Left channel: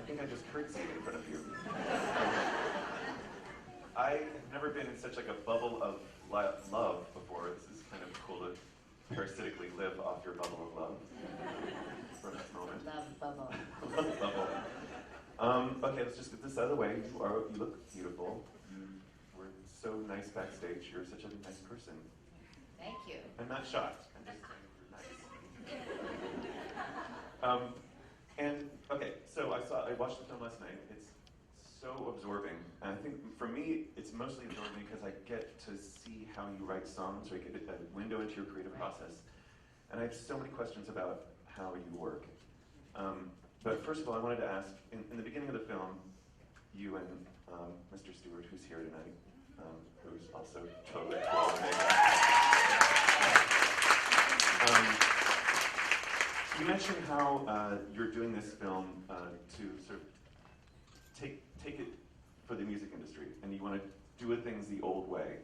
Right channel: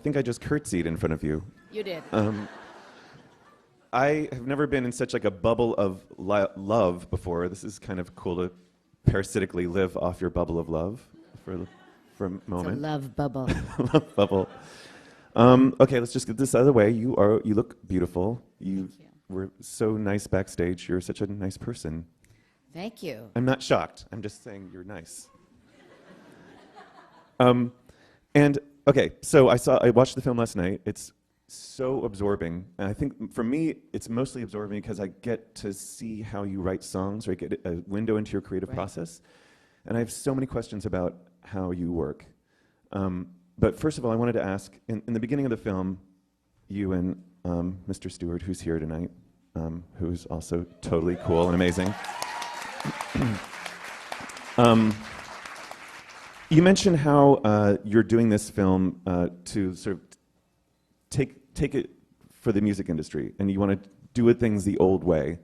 think I just curtsied in front of you. You did. I have never been in such like a bubble of love before. This is kind of cool to parasitically live off your bubble of love for a moment. It's a love bubble. Love bubble. Okay, let's just get this out of the way. You look beautiful. You were so nice backstage. You're such a nice person. Thank you. I'm not shocked. I'm just saying you're nice. And okay, so I watched the film last night. It's so absorbing, and I think for me, it's mostly absorbing because I get to see how you write songs, or I get a window into your creative process. And I have so many questions about how you work. But first of all, I wanted to ask, in the beginning of the film, you and Mr. Stewart, who's here tonight, who's also totally cool and amazing. You mentioned how you're doing this film to sort of take it for the music industry, and you want to do things the old way.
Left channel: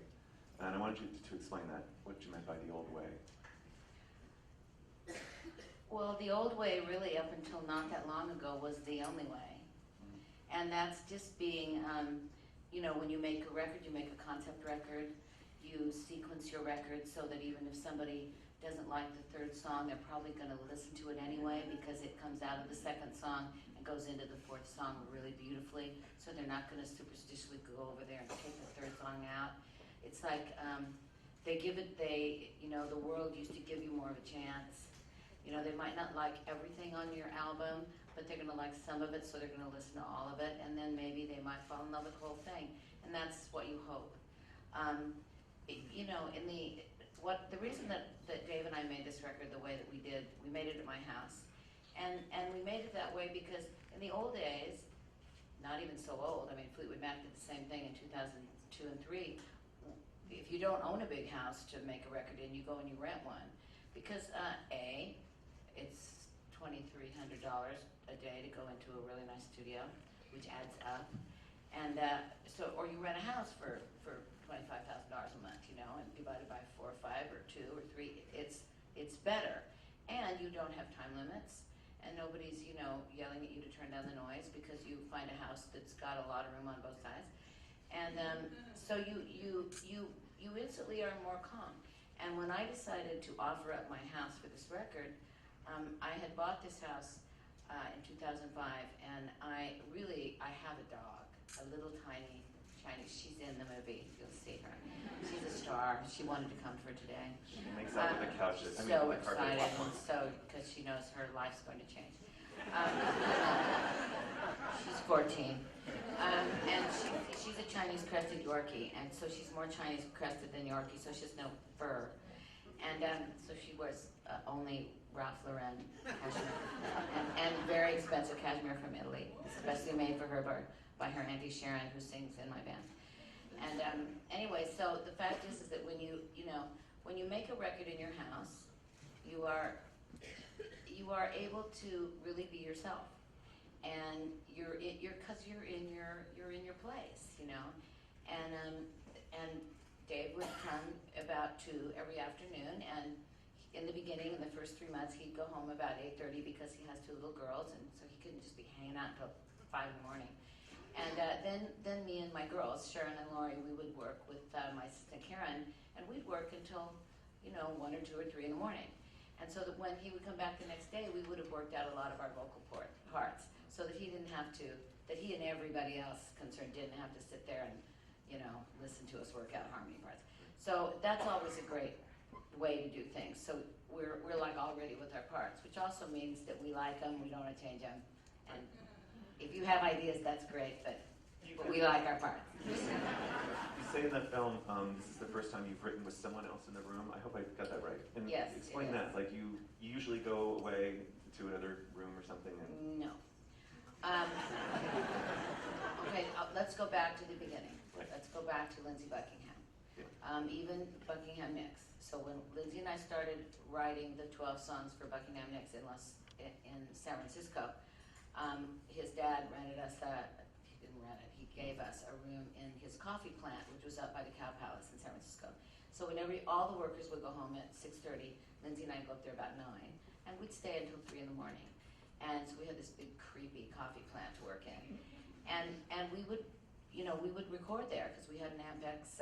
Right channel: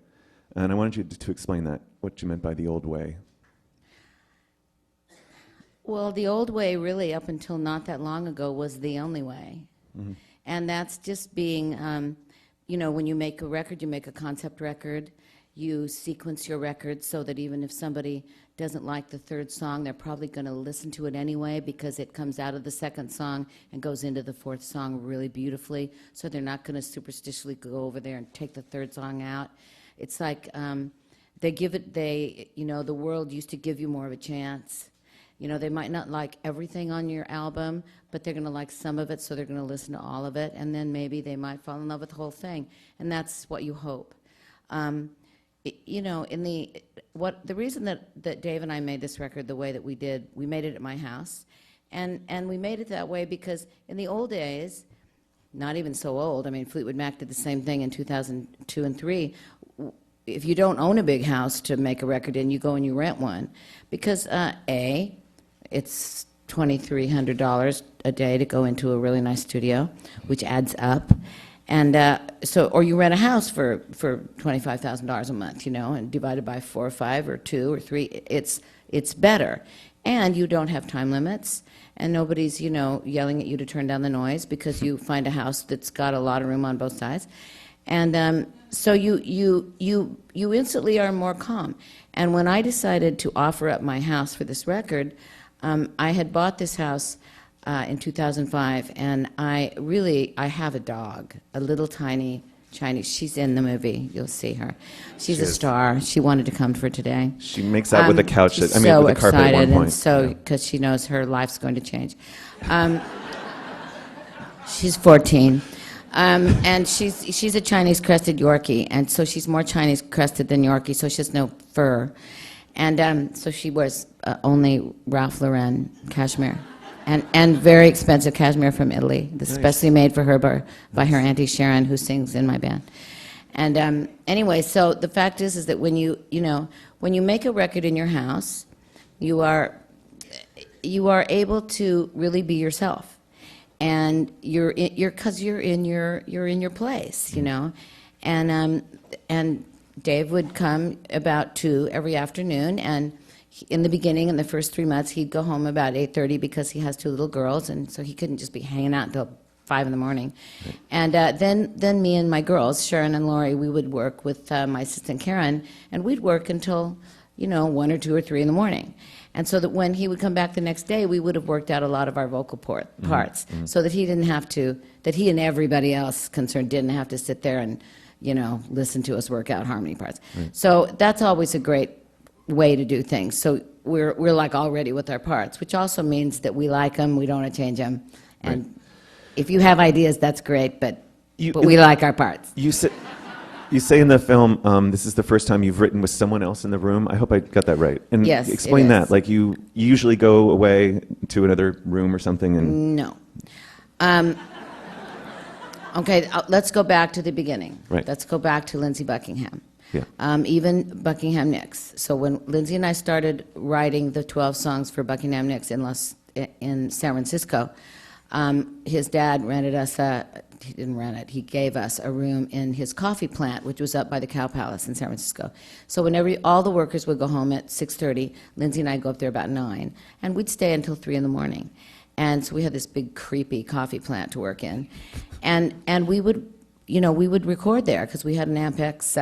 And I wanted you to explain that, what you meant by the old way. Well, the old way, really, up until not that long ago, was the only way. Mm-hmm. And that's just being, when you make a record, you make a concept record, you sequence your record so that even if somebody doesn't like the third song, they're probably going to listen to it anyway because it comes out of the second song and goes into the fourth song really beautifully. So they're not going to superstitiously go over there and take the third song out. It's like the world used to give you more of a chance. They might not like everything on your album, but they're going to like some of it, so they're going to listen to all of it, and then maybe they might fall in love with the whole thing, and that's what you hope. The reason that Dave and I made this record the way that we did, we made it at my house, and we made it that way because in the old days, not even so old, I mean, Fleetwood Mac did the same thing in 2002 and 3. If you don't own a big house to make a record in, you go and you rent one, because it's $2,300 a day to go into a really nice studio, which adds up. And or you rent a house for $25,000 a month, and divided by 4 or 5 or 2 or 3, it's better. And you don't have time limits, and nobody's, yelling at you to turn down the noise because you find a house that's got a lot of room on both sides. And so you instantly are more calm. And when I decided to offer up my house for this record, I had bought this house in 2005, and I have a dog, a little tiny Chinese. She's in the movie. You'll see her. She's a star. She wanted to come for today. She makes out with the couch. With the carpet at one point. So because she knows her life's going to change. She's 14. And she's a Chinese crested Yorkie, and so she's more Chinese crested than Yorkie, so she has no fur. And so she wears only Ralph Lauren cashmere. And very expensive cashmere from Italy, especially made for her by her Auntie Sharon, who sings in my band. And anyway, so the fact is that when you make a record in your house, you are able to really be yourself, and you're in your place, and Dave would come about 2 every afternoon, and in the beginning, in the first 3 months, he'd go home about 8:30 because he has 2 little girls, and so he couldn't just be hanging out until 5 in the morning. And then me and my girls, Sharon and Lori, we would work with my assistant Karen, and we'd work until 1 or 2 or 3 in the morning. And so that when he would come back the next day, we would have worked out a lot of our vocal parts, so that he didn't have to, that he and everybody else concerned didn't have to sit there and listen to us work out harmony parts. So that's always a great way to do things. So we're like all ready with our parts, which also means that we like them, we don't want to change them. And if you have ideas, that's great, but we like our parts. You say in the film, this is the first time you've written with someone else in the room. I hope I got that right. And yes, explain that. Like you usually go away to another room or something and... No. Okay, let's go back to the beginning. Right. Let's go back to Lindsey Buckingham. Yeah. Even Buckingham Nicks. So when Lindsey and I started writing the 12 songs for Buckingham Nicks in San Francisco, his dad rented us he didn't rent it, he gave us a room in his coffee plant, which was up by the Cow Palace in San Francisco. So whenever all the workers would go home at 6:30, Lindsey and I'd go up there about 9, and we'd stay until 3 in the morning. And so we had this big creepy coffee plant to work in, and we would, we would record there because we had an Ampex.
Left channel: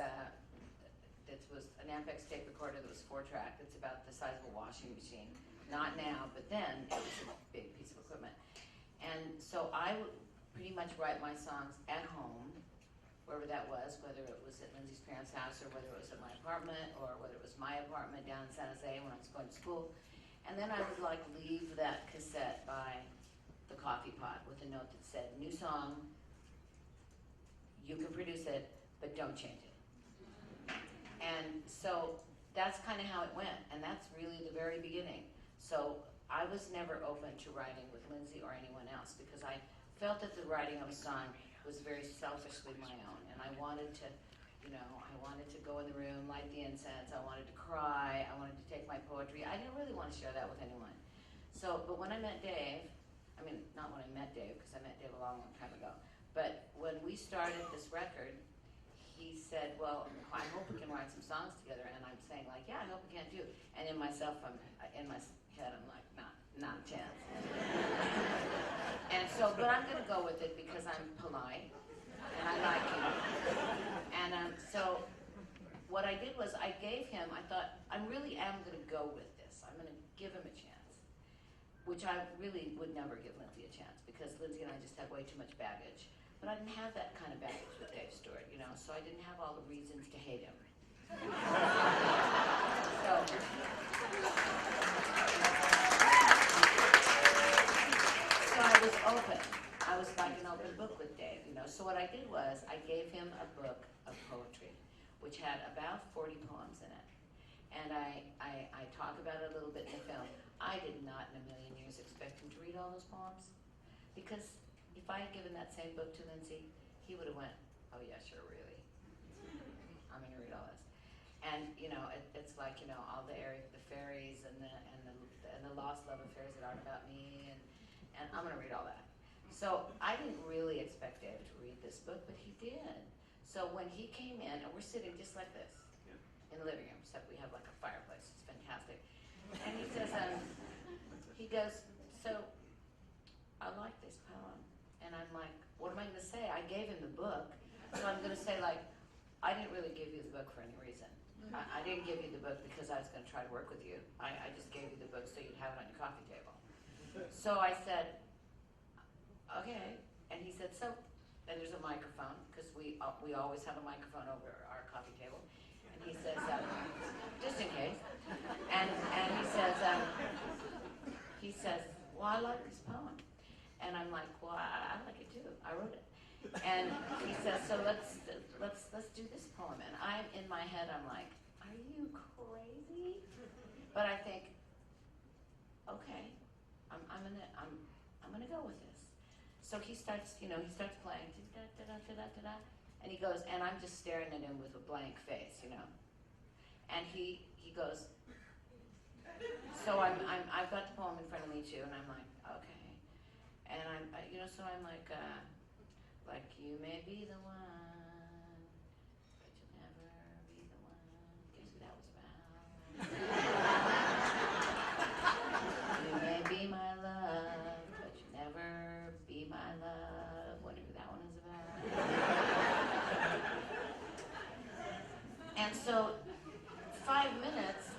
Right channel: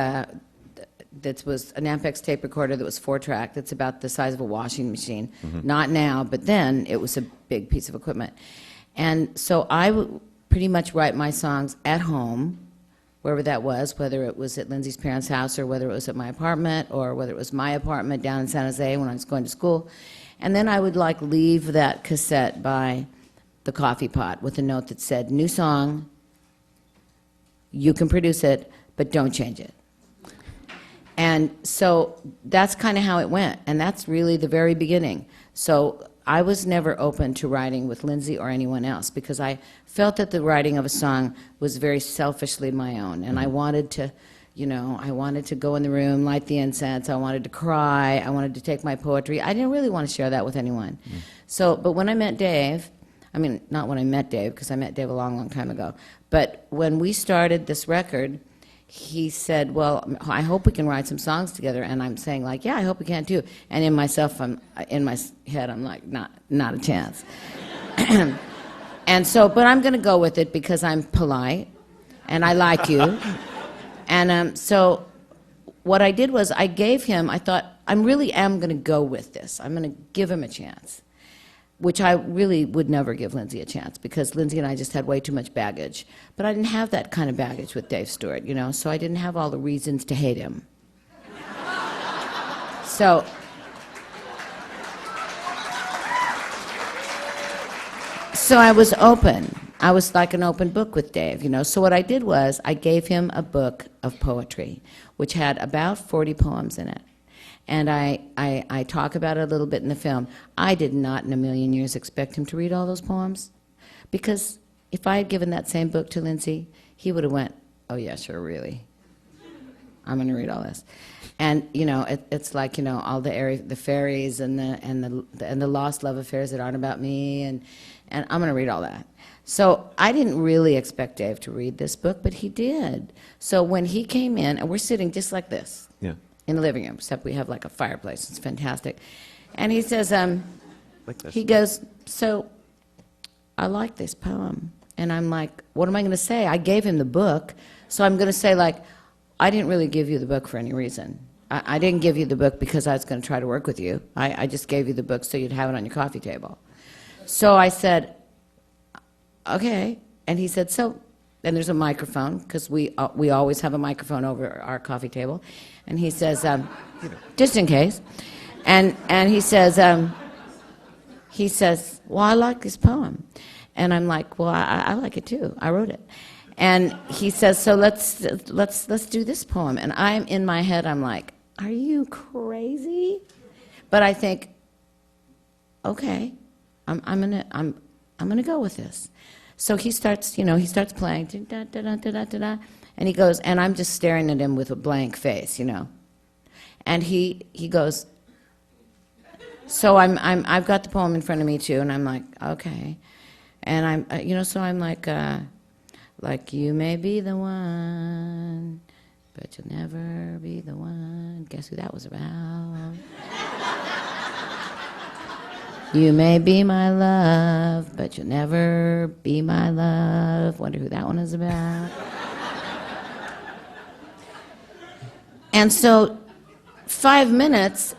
That was an Ampex tape recorder that was 4-track. That's about the size of a washing machine. Not now, but then it was a big piece of equipment. And so I would pretty much write my songs at home, wherever that was, whether it was at Lindsay's parents' house or whether it was at my apartment or whether it was my apartment down in San Jose when I was going to school. And then I would like leave that cassette by the coffee pot with a note that said, new song, you can produce it, but don't change it. And so that's kind of how it went, and that's really the very beginning. So I was never open to writing with Lindsay or anyone else because I felt that the writing of a song was very selfishly my own, and I wanted to, I wanted to go in the room, light the incense, I wanted to cry, I wanted to take my poetry. I didn't really want to share that with anyone. So, but when I met Dave, I mean, not when I met Dave, because I met Dave a long, long time ago, but when we started this record, he said, well, I hope we can write some songs together. And I'm saying, like, yeah, I hope we can too. And in my head, I'm like, not a chance. And so, but I'm going to go with it because I'm polite and I like you. And so what I did was I gave him, I thought, I really am going to go with this. I'm going to give him a chance, which I really would never give Lindsay a chance because Lindsay and I just had way too much baggage. But I didn't have that kind of baggage with Dave Stewart, so I didn't have all the reasons to hate him. So I was open. I was like an open book with Dave, So what I did was I gave him a book of poetry, which had about 40 poems in it. And I talk about it a little bit in the film. I did not in a million years expect him to read all those poems. Because if I had given that same book to Lindsay, he would have went, oh yeah, sure, really. I'm going to read all this. And, it's like, all the fairies and the lost love affairs that aren't about me, and I'm going to read all that. So I didn't really expect Dave to read this book, but he did. So when he came in, and we're sitting just like this. Yeah. In the living room, except we have like a fireplace. It's fantastic. And he says, Like this. he goes, so I like this poem. And I'm like, what am I going to say? I gave him the book, so I'm going to say, like, I didn't really give you the book for any reason. I didn't give you the book because I was going to try to work with you. I just gave you the book so you'd have it on your coffee table. So I said, okay. And he said, so, and there's a microphone, because we always have a microphone over our coffee table. And he says, just in case. And he says, well, I like this poem. And I'm like, well, I like it too. I wrote it. And he says, so let's do this poem. And I'm in my head, I'm like, are you crazy? But I think, okay, I'm gonna go with this. So he starts playing, da, da, da, da, da, da, da, and he goes, and I'm just staring at him with a blank face, And he goes, so I've got the poem in front of me too, and I'm like, okay. And I'm, so I'm like you may be the one, but you'll never be the one. Guess who that was about? You may be my love, but you'll never be my love. Wonder who that one is about. And so 5 minutes,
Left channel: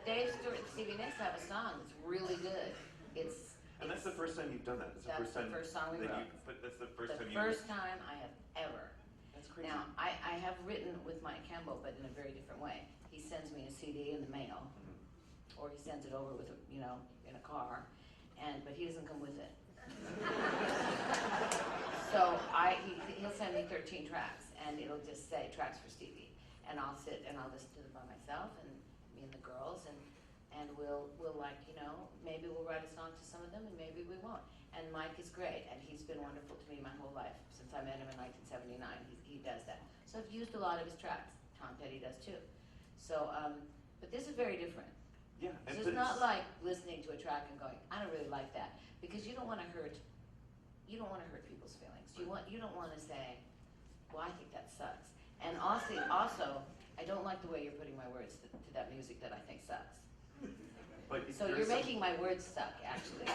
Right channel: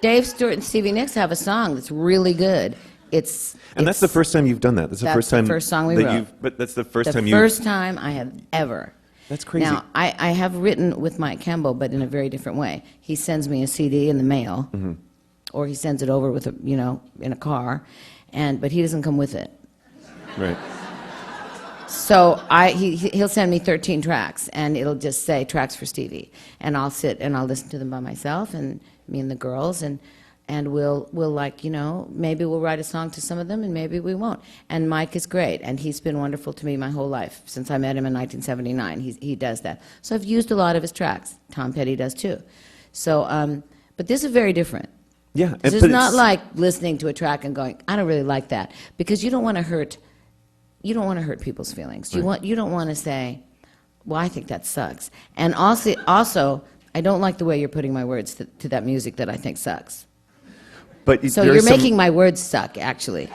Dave Stewart and Stevie Nicks have a song that's really good. And that's the first time you've done that. That's the first song we wrote. But that's the first time The first time I have ever. That's crazy. Now, I have written with Mike Campbell, but in a very different way. He sends me a CD in the mail, or he sends it over with in a car, but he doesn't come with it. Right. So he'll send me 13 tracks, and it'll just say tracks for Stevie, and I'll sit and I'll listen to them by myself, and me and the girls, and we'll maybe we'll write a song to some of them, and maybe we won't. And Mike is great, and he's been wonderful to me my whole life since I met him in 1979. He does that. So I've used a lot of his tracks. Tom Petty does too. So, but this is very different. Yeah, This is not like listening to a track and going, I don't really like that, because you don't want to hurt people's feelings. Right. You don't want to say, well, I think that sucks. And also, I don't like the way you're putting my words to that music that I think sucks. But So you're making my words suck, actually.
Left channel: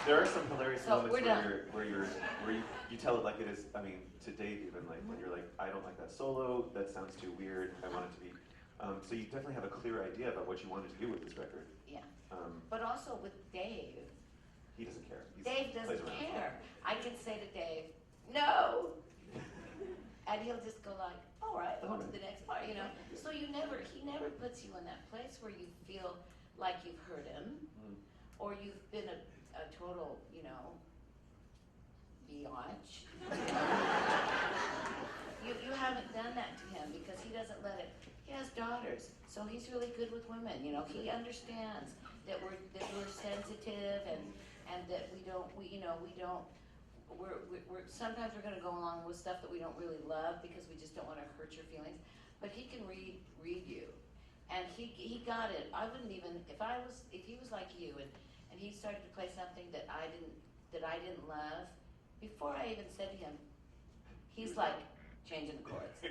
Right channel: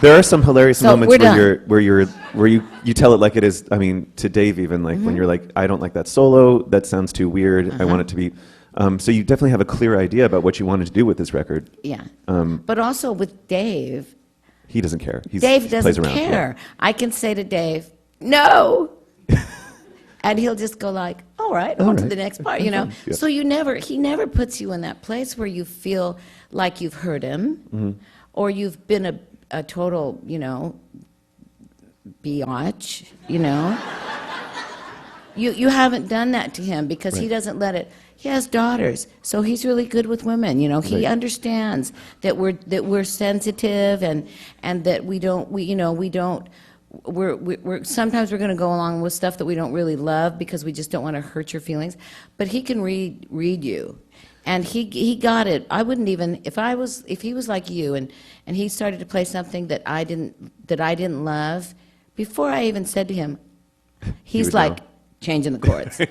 There are some hilarious So moments we're where you tell it like it is. I mean, to Dave even, like when you're like, I don't like that solo. That sounds too weird. I want it to be. So you definitely have a clear idea about what you wanted to do with this record. Yeah. But also with Dave, He doesn't care. Dave he plays doesn't around. care. I can say to Dave, no. And he'll just go like, all right, on to the next part, you know. Yeah. So he never puts you in that place where you feel like you've hurt him or you've been a total, you know, biatch, you know. You haven't done that to him because he doesn't let it. He has daughters, so he's really good with women. You know, he understands that we're sensitive and that we're sometimes we're going to go along with stuff that we don't really love because we just don't want to hurt your feelings. But he can read you, and he got it. I wouldn't even if he was like you and he started to play something that I didn't love before I even said to him, he's like changing the chords.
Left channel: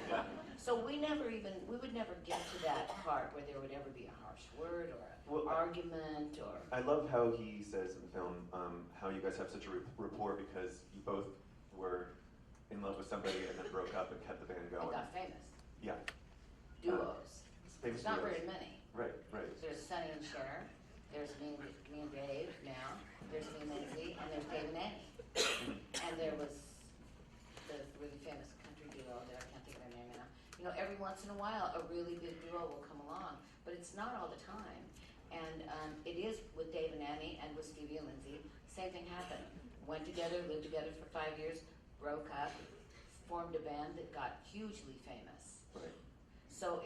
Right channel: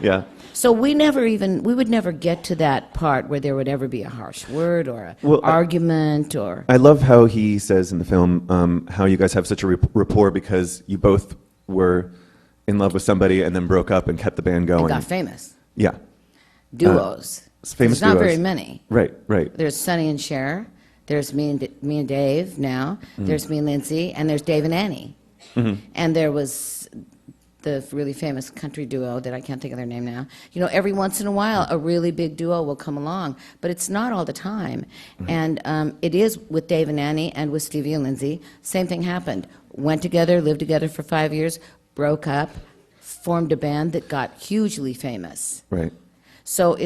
Yeah. So we would never get to that part where there would ever be a harsh word or an argument or. I love how he says in the film how you guys have such a rapport because you both were in love with somebody and then broke up and kept the band going. And got famous. Yeah. Duos. Famous There's not duos. very many. Right. There's Sonny and Cher. There's me and Dave now. There's me and Lindsay, and there's Dave and Annie. And there was the really famous country duo that I can't think of their name now. You know, every once in a while, a really big duo will come along, but it's not all the time. And it is with Dave and Annie and with Stevie and Lindsay. Same thing happened. Went together, lived together for 5 years, broke up, formed a band that got hugely famous. Right. So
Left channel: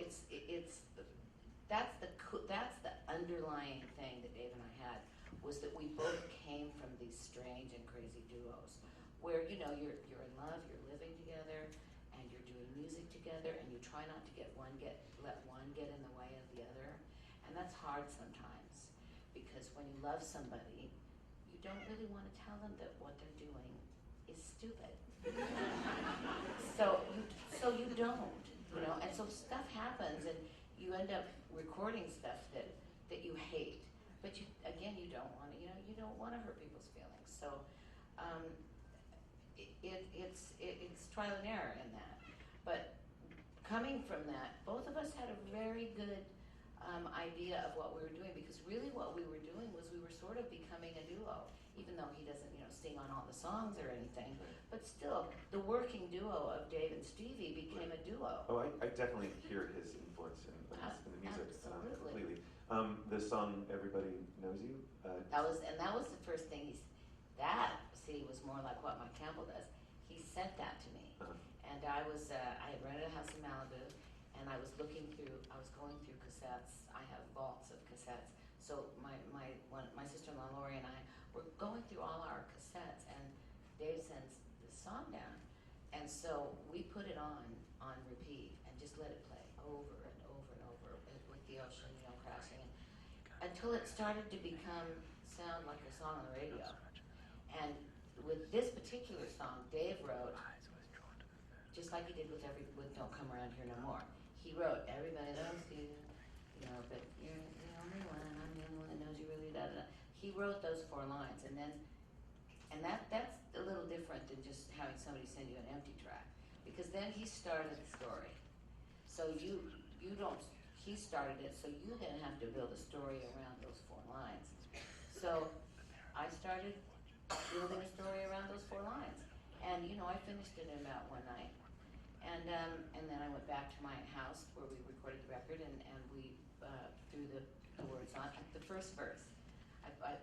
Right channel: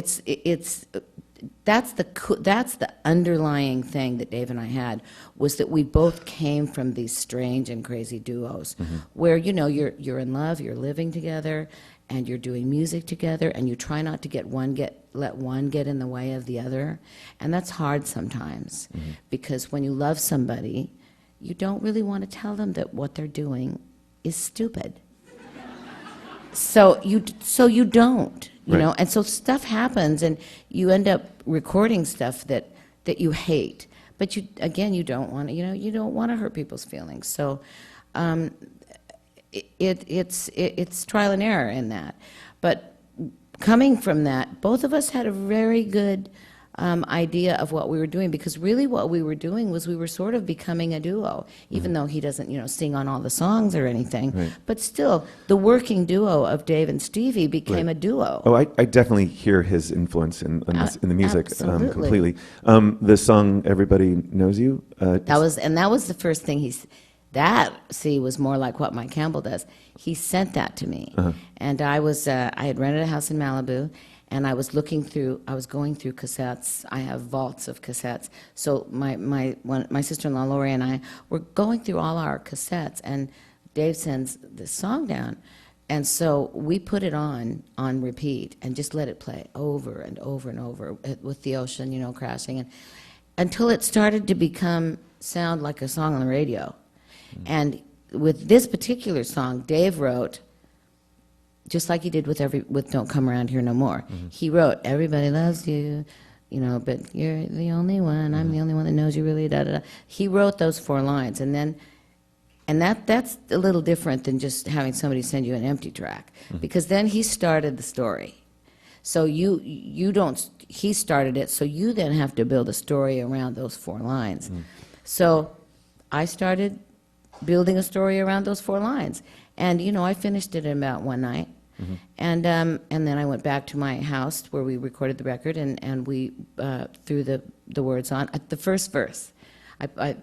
that's the underlying thing that Dave and I had was that we both came from these strange and crazy duos where, you know, you're in love, you're living together, and you're doing music together, and you try not to let one get in the way of the other. And that's hard sometimes because when you love somebody, you don't really want to tell them that what they're doing is stupid. So you don't, you know, and so stuff happens, and you end up recording stuff that you hate, but you don't want to, you don't want to hurt people's feelings. So it's trial and error in that, but coming from that, both of us had a very good idea of what we were doing, because really what we were doing was we were sort of becoming a duo, even though he doesn't, sing on all the songs or anything. Right. But still, the working duo of Dave and Stevie became a duo. Oh, I definitely hear his influence in the music Absolutely. completely. The song "Everybody Knows You." That was the first thing was more like what Mike Campbell does. He sent that to me, and I had rented a house in Malibu. And I was going through cassettes. I have vaults of cassettes. So my sister-in-law Lori and I were going through all our cassettes, and Dave sends this song down, and so we put it on repeat and just let it play over and over and over with the ocean, crashing, and until it started to sound like a song on the radio. And with this particular song, Dave wrote, just like he did with Don't Come Around Here No More. He wrote, everybody loves you, but you're the only one, I'm the only one that knows you really, da da da. He wrote those 4 lines, and that's a little different than just having somebody send you an empty track, because then he started the story. So he started it, so you then have to build a story around those 4 lines. So I started building a story around those 4 lines. And, I finished it in about one night. And then I went back to my house where we recorded the record, and we threw the words on at the first verse.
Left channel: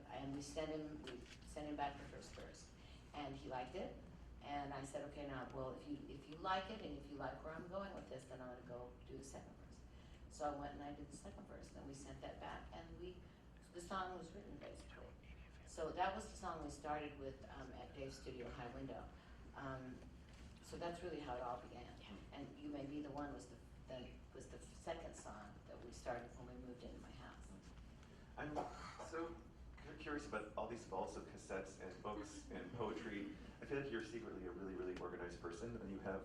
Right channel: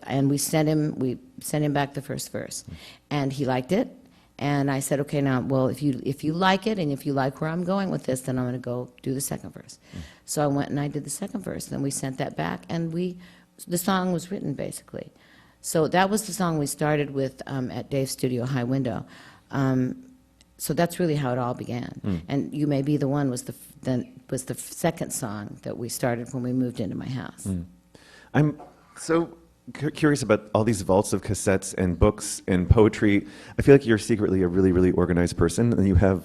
And we sent him back the first verse, and he liked it. And I said, okay, now, well, if you like it and if you like where I'm going with this, then I'm going to go do the second verse. So I went and I did the second verse, and we sent that back, and the song was written basically. So that was the song we started with at Dave's studio, High Window. So that's really how it all began. And You May Be the One was the second song that we started when we moved into my house. I'm so curious about all these vaults of cassettes and books and poetry. I feel like you're secretly a really, really organized person, and you have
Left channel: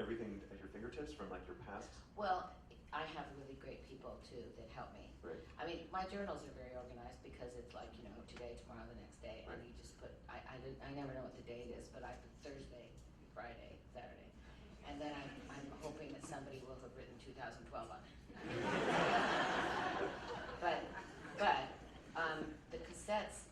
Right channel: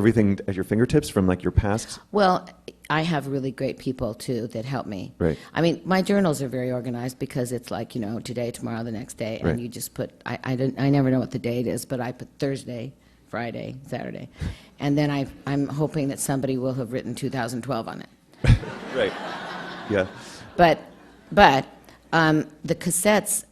everything at your fingertips from like your past? Well, I have really great people too that help me. Right. I mean, my journals are very organized because it's like, today, tomorrow, the next day, and Right. you just put. I never know what the date is, but I put Thursday, Friday, Saturday, and then I'm hoping that somebody will have written 2012 on it. Right. Yeah. But the cassettes,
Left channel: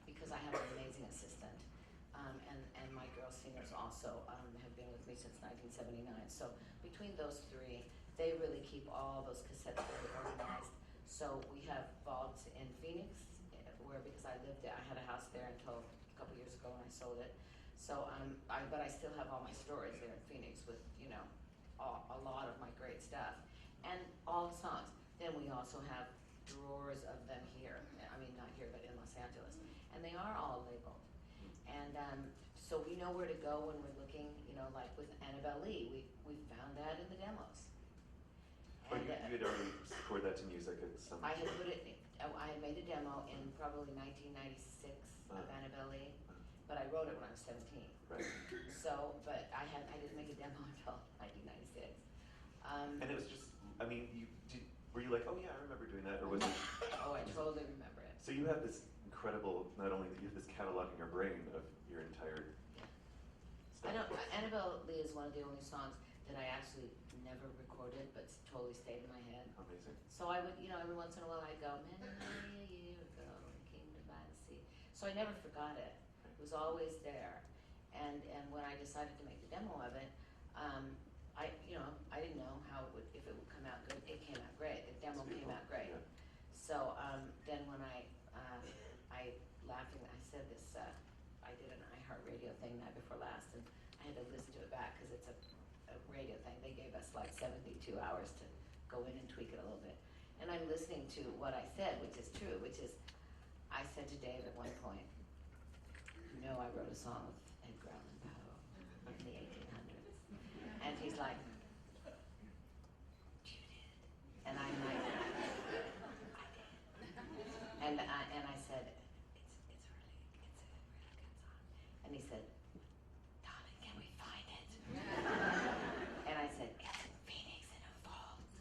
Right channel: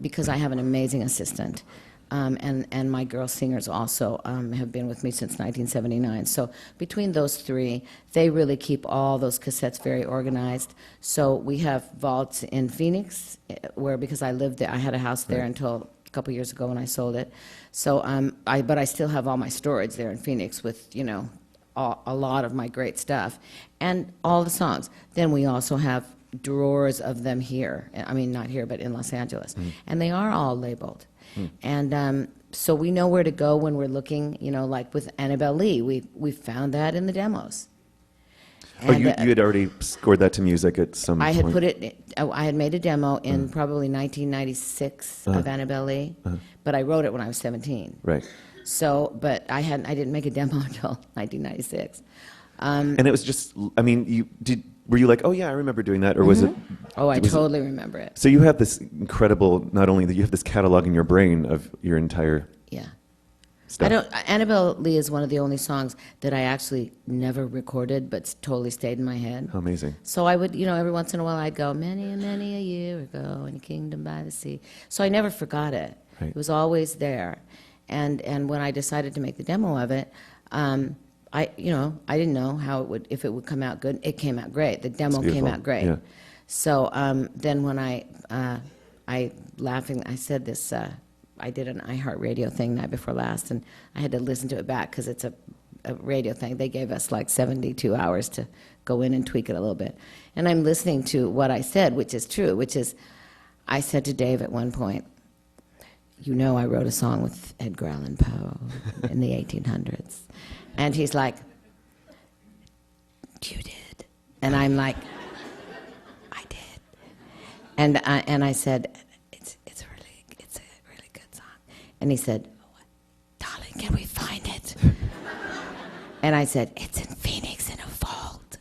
because I have an amazing assistant, and my girl singers also have been with me since 1979. So between those three, they really keep all those cassettes very organized. So we have vaults in Phoenix, where because I lived there, I had a house there until a couple years ago when I sold it. So but I still have all my storage there in Phoenix with a lot of my great stuff and all the songs. Then we also have drawers of them here. I mean, not here, but in Los Angeles. And they are all labeled. And so we know where to go when we're looking, like with Annabelle Lee, we found that in the demos. Oh, And, you had already scored that to music at some I point? had put it, I had made a demo in probably 1996 of Annabelle Lee, but I wrote it when I was 17. Right. So, but I didn't make a demo until 1996. And it was just, I mean, were you like, oh yeah, I remember doing that, or was it? Oh, I was it- totally remember it. So you have this incredible, not only that you have this catalog in your brain of your entire Yeah. stuff. Annabelle Lee is one of the only songs that I actually never recorded, but totally stayed in my head. How amazing. So I would, every once in a while I'd go, many and many a year ago in a kingdom by the sea. So I never forgot it. Right. It was always there. And when I decided to make the demo of it, I didn't know if it would come out good. It came out great. The demo came beautiful. out great. Yeah. So then when I said this, I did an iHeartRadio thing night before last, and I had to listen to it back because it's a radio thing. They gave us like 72 hours to go in and tweak it a little bit. And I'm listening to what I said, which is true, which is I said to Dave at one point, I wrote a song with Edgar Allan Poe in the 1800s. And he's like, you did? And I'm like, I did. And I said, it's a really good song. And he said, darling, can we find it? And I said, it's in Phoenix in a vault.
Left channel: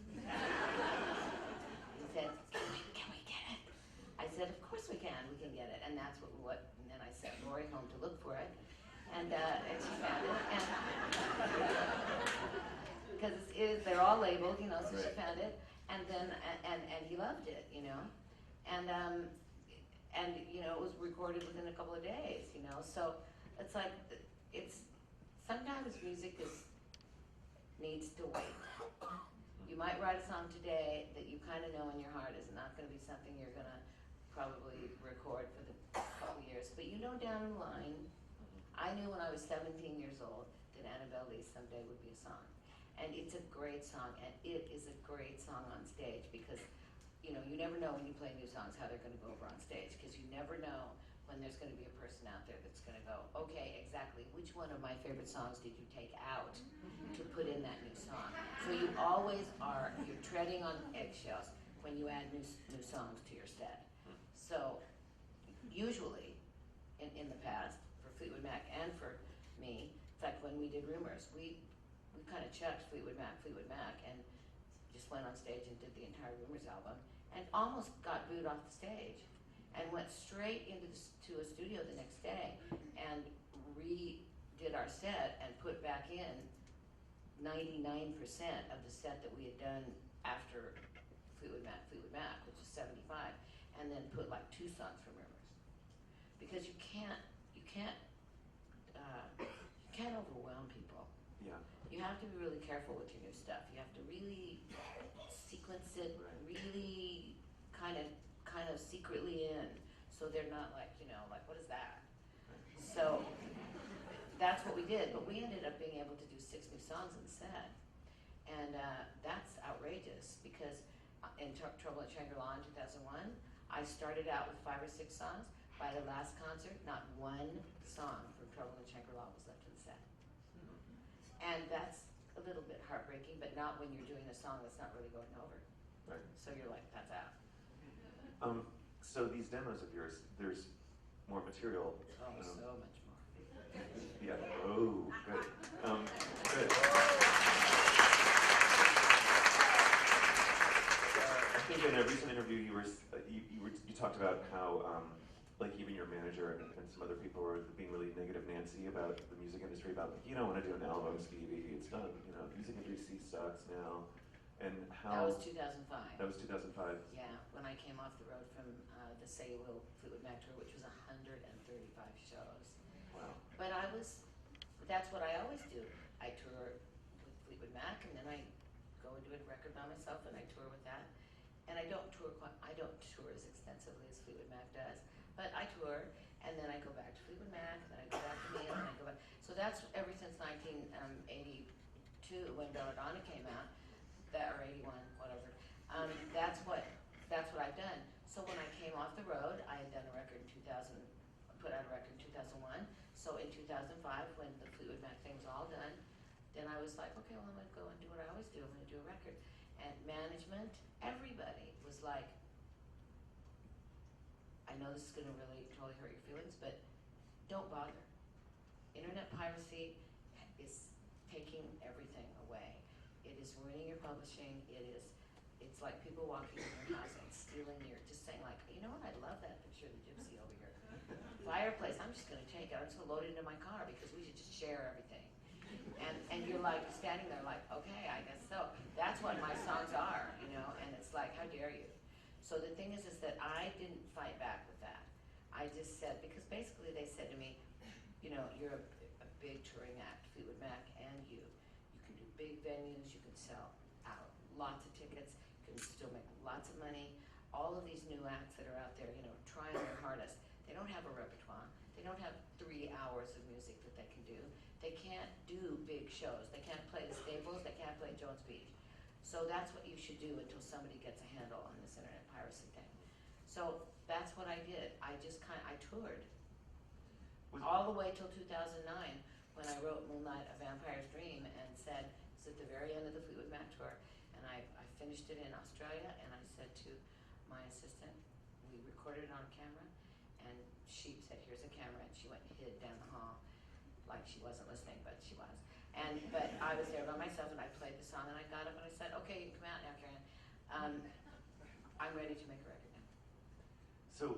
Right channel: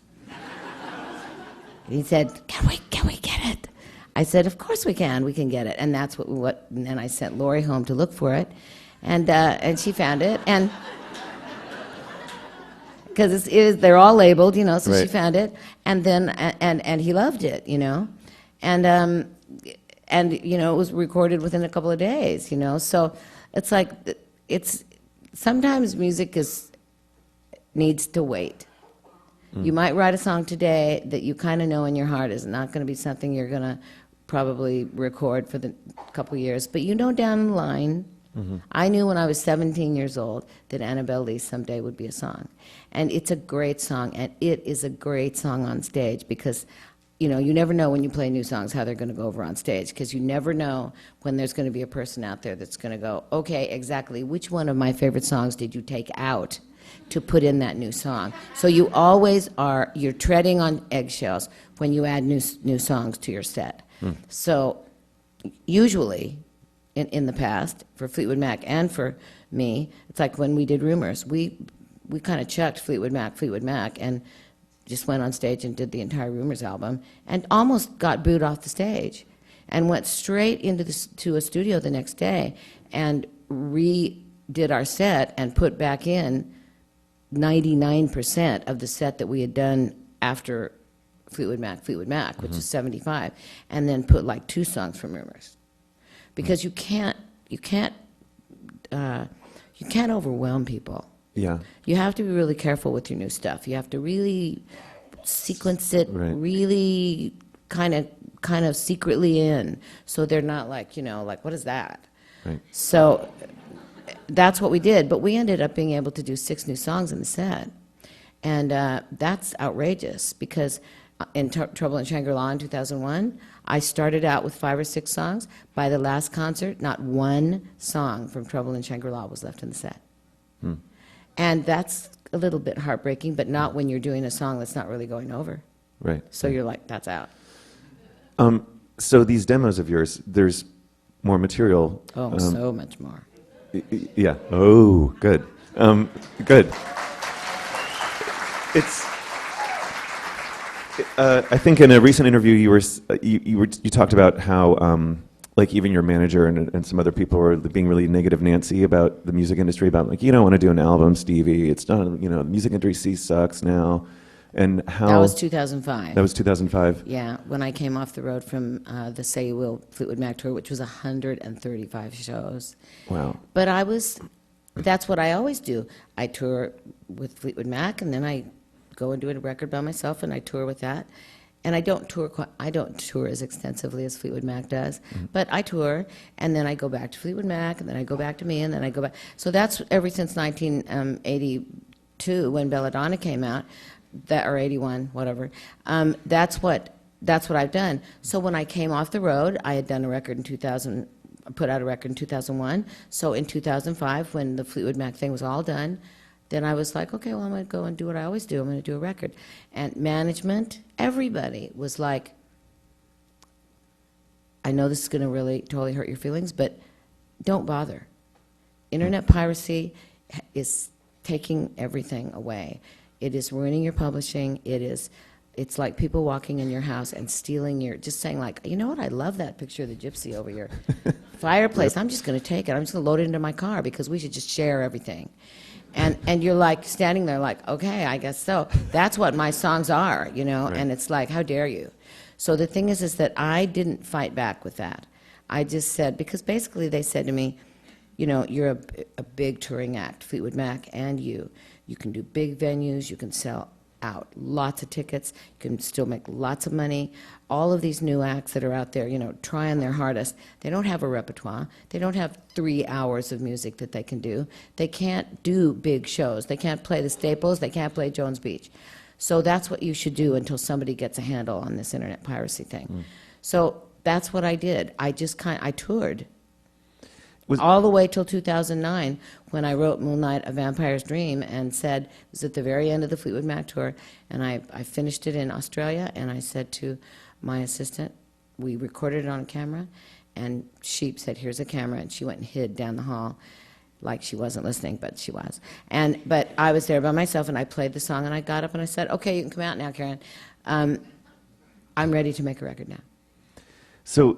And he said, can we get it? I said, of course we can get it. And that's and then I sent Lori home to look for it. And she found it. And because they're all labeled, so Right. she found it, and then and he loved it, and it was recorded within a couple of days, So it's like sometimes music needs to wait. You might write a song today that you kind of know in your heart is not going to be something you're going to probably record for the couple of years, but down the line. I knew when I was 17 years old that Annabelle Lee someday would be a song. And it's a great song, and it is a great song on stage because, you never know when you play new songs how they're going to go over on stage because you never know when there's going to be a person out there that's going to go, okay, exactly, which one of my favorite songs did you take out to put in that new song? So you always you're treading on eggshells when you add new songs to your set. So usually, in the past, for Fleetwood Mac and for me, it's like when we did Rumors, we kind of chucked Fleetwood Mac, and just went on stage and did the entire Rumors album, and almost got booed off the stage, and went straight to a studio the next day, and redid our set and put back in 99% of the set that we had done after Fleetwood Mac, which is 75, and then put like 2 songs from Rumors. Because you can't overwhelm people. Yeah. You have to be really careful with your new stuff. You have to really sequence it, Right. really kind of secretly in, so they're not like what is that? Right. So that's what we did. But we ended up being able to do 6 new songs in the set, and that's outrageous because in Trouble in Shangri-La in 2001. I started out with 5 or 6 songs. By the last concert, not one song from Trouble in Shangri-La was left in the set. And that's a little bit heartbreaking, but not when you're doing a song that's not really going over. Right. So you're like, that's out. So these demos of yours, there's more material. Oh, so much more. Yeah. Oh, good. Good. It's. I think in a recent interview you talked about how like even your manager and some other people were being really negative Nancy about the music industry, about like, you don't want to do an album, Stevie. It's not, the music industry sucks now, and how That was 2005. that was 2005. Yeah, when I came off the road from the Say You Will Fleetwood Mac tour, which was 135 shows. Wow. But that's what I always do. I tour with Fleetwood Mac, and then I go and do a record by myself, and I tour with that. And I don't tour as extensively as Fleetwood Mac does, but I tour, and then I go back to Fleetwood Mac, and then I go back to me, and then I go back. So that's ever since 1982, when Belladonna came out, or 81, whatever. That's what I've done. So when I came off the road, I had done a record in 2000, put out a record in 2001. So in 2005, when the Fleetwood Mac thing was all done, then I was like, okay, well, I'm going to go and do what I always do. I'm going to do a record. And management, everybody was like, I know this is going to really totally hurt your feelings, but don't bother. Internet piracy is taking everything away. It is ruining your publishing. It's like people walking in your house and stealing just saying like, you know what, I love that picture of the gypsy over your fireplace. Yep. I'm just going to take it. I'm just going to load it into my car because we should just share everything. And you're like standing there like, okay, I guess so. That's what my songs are, right. And it's like, how dare you? So the thing is that I didn't fight back with that. I just said, because basically they said to me, you're a big touring act, Fleetwood Mac, and you can do big venues, you can sell out lots of tickets, you can still make lots of money. All of these new acts that are out there, trying their hardest, they don't have a repertoire. They don't have 3 hours of music that they can do. They can't do big shows. They can't play the Staples. They can't play Jones Beach. So that's what you should do until somebody gets a handle on this internet piracy thing. So that's what I did. I toured. All the way till 2009, when I wrote Moonlight, A Vampire's Dream, and said, it was at the very end of the Fleetwood Mac tour, and I finished it in Australia, and I said to my assistant, we recorded it on camera, and she said, here's a camera, and she went and hid down the hall, like she wasn't listening, but she was. But I was there by myself, and I played the song, and I got up, and I said, okay, you can come out now, Karen. I'm ready to make a record now. So,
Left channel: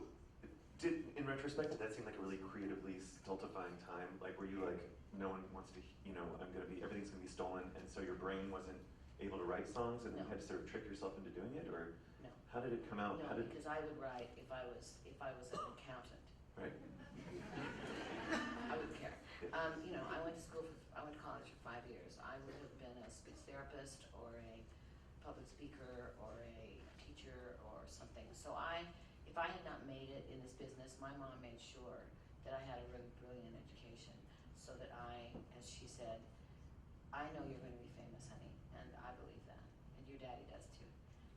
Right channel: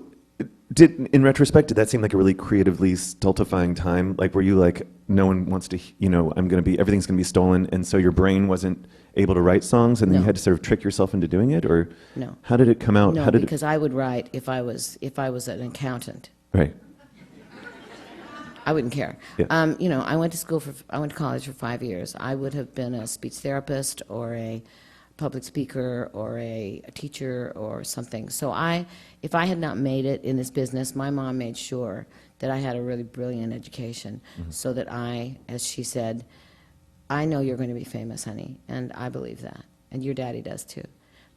in retrospect, did that seem like a really creatively stultifying time? Like, were you like, no one wants to, everything's going to be stolen, and so your brain wasn't able to write songs, and then you had to sort of trick yourself into doing it, or no? How did it come out? No, because I would write if I was an accountant. Right. I wouldn't care. Yeah. I went to college for 5 years. I would have been a speech therapist or a public speaker or a teacher or something. So if I had not made it in this business, my mom made sure that I had a really brilliant education, so that as she said, I know you're going to be famous, honey, and I believe that, and your daddy does too.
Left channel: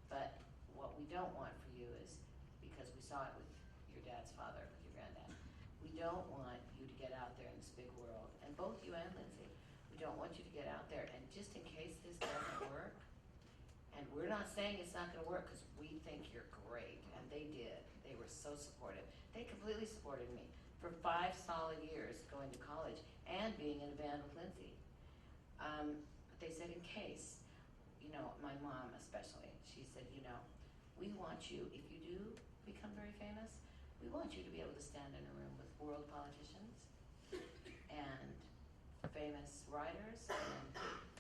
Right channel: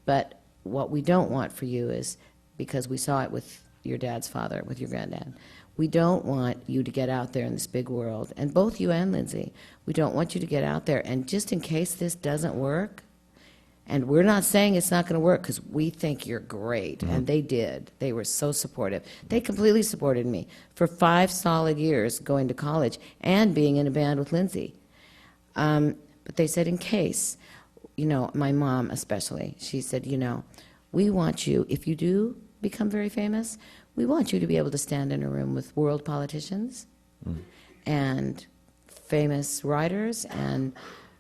But what we don't want for you is, because we saw it with your dad's father, with your granddad, we don't want you to get out there in this big world, and both you and Lindsay, we don't want you to get out there, and just in case this doesn't work, and we're not saying it's not going to work because we think you're great, and they did. They were so supportive. They completely supported me for 5 solid years going to college and being in a band with Lindsay. But they said, in case, my mom especially, she said, we want you, if you do become very famous, we want you to be able to stand in a room with world politicians and famous writers and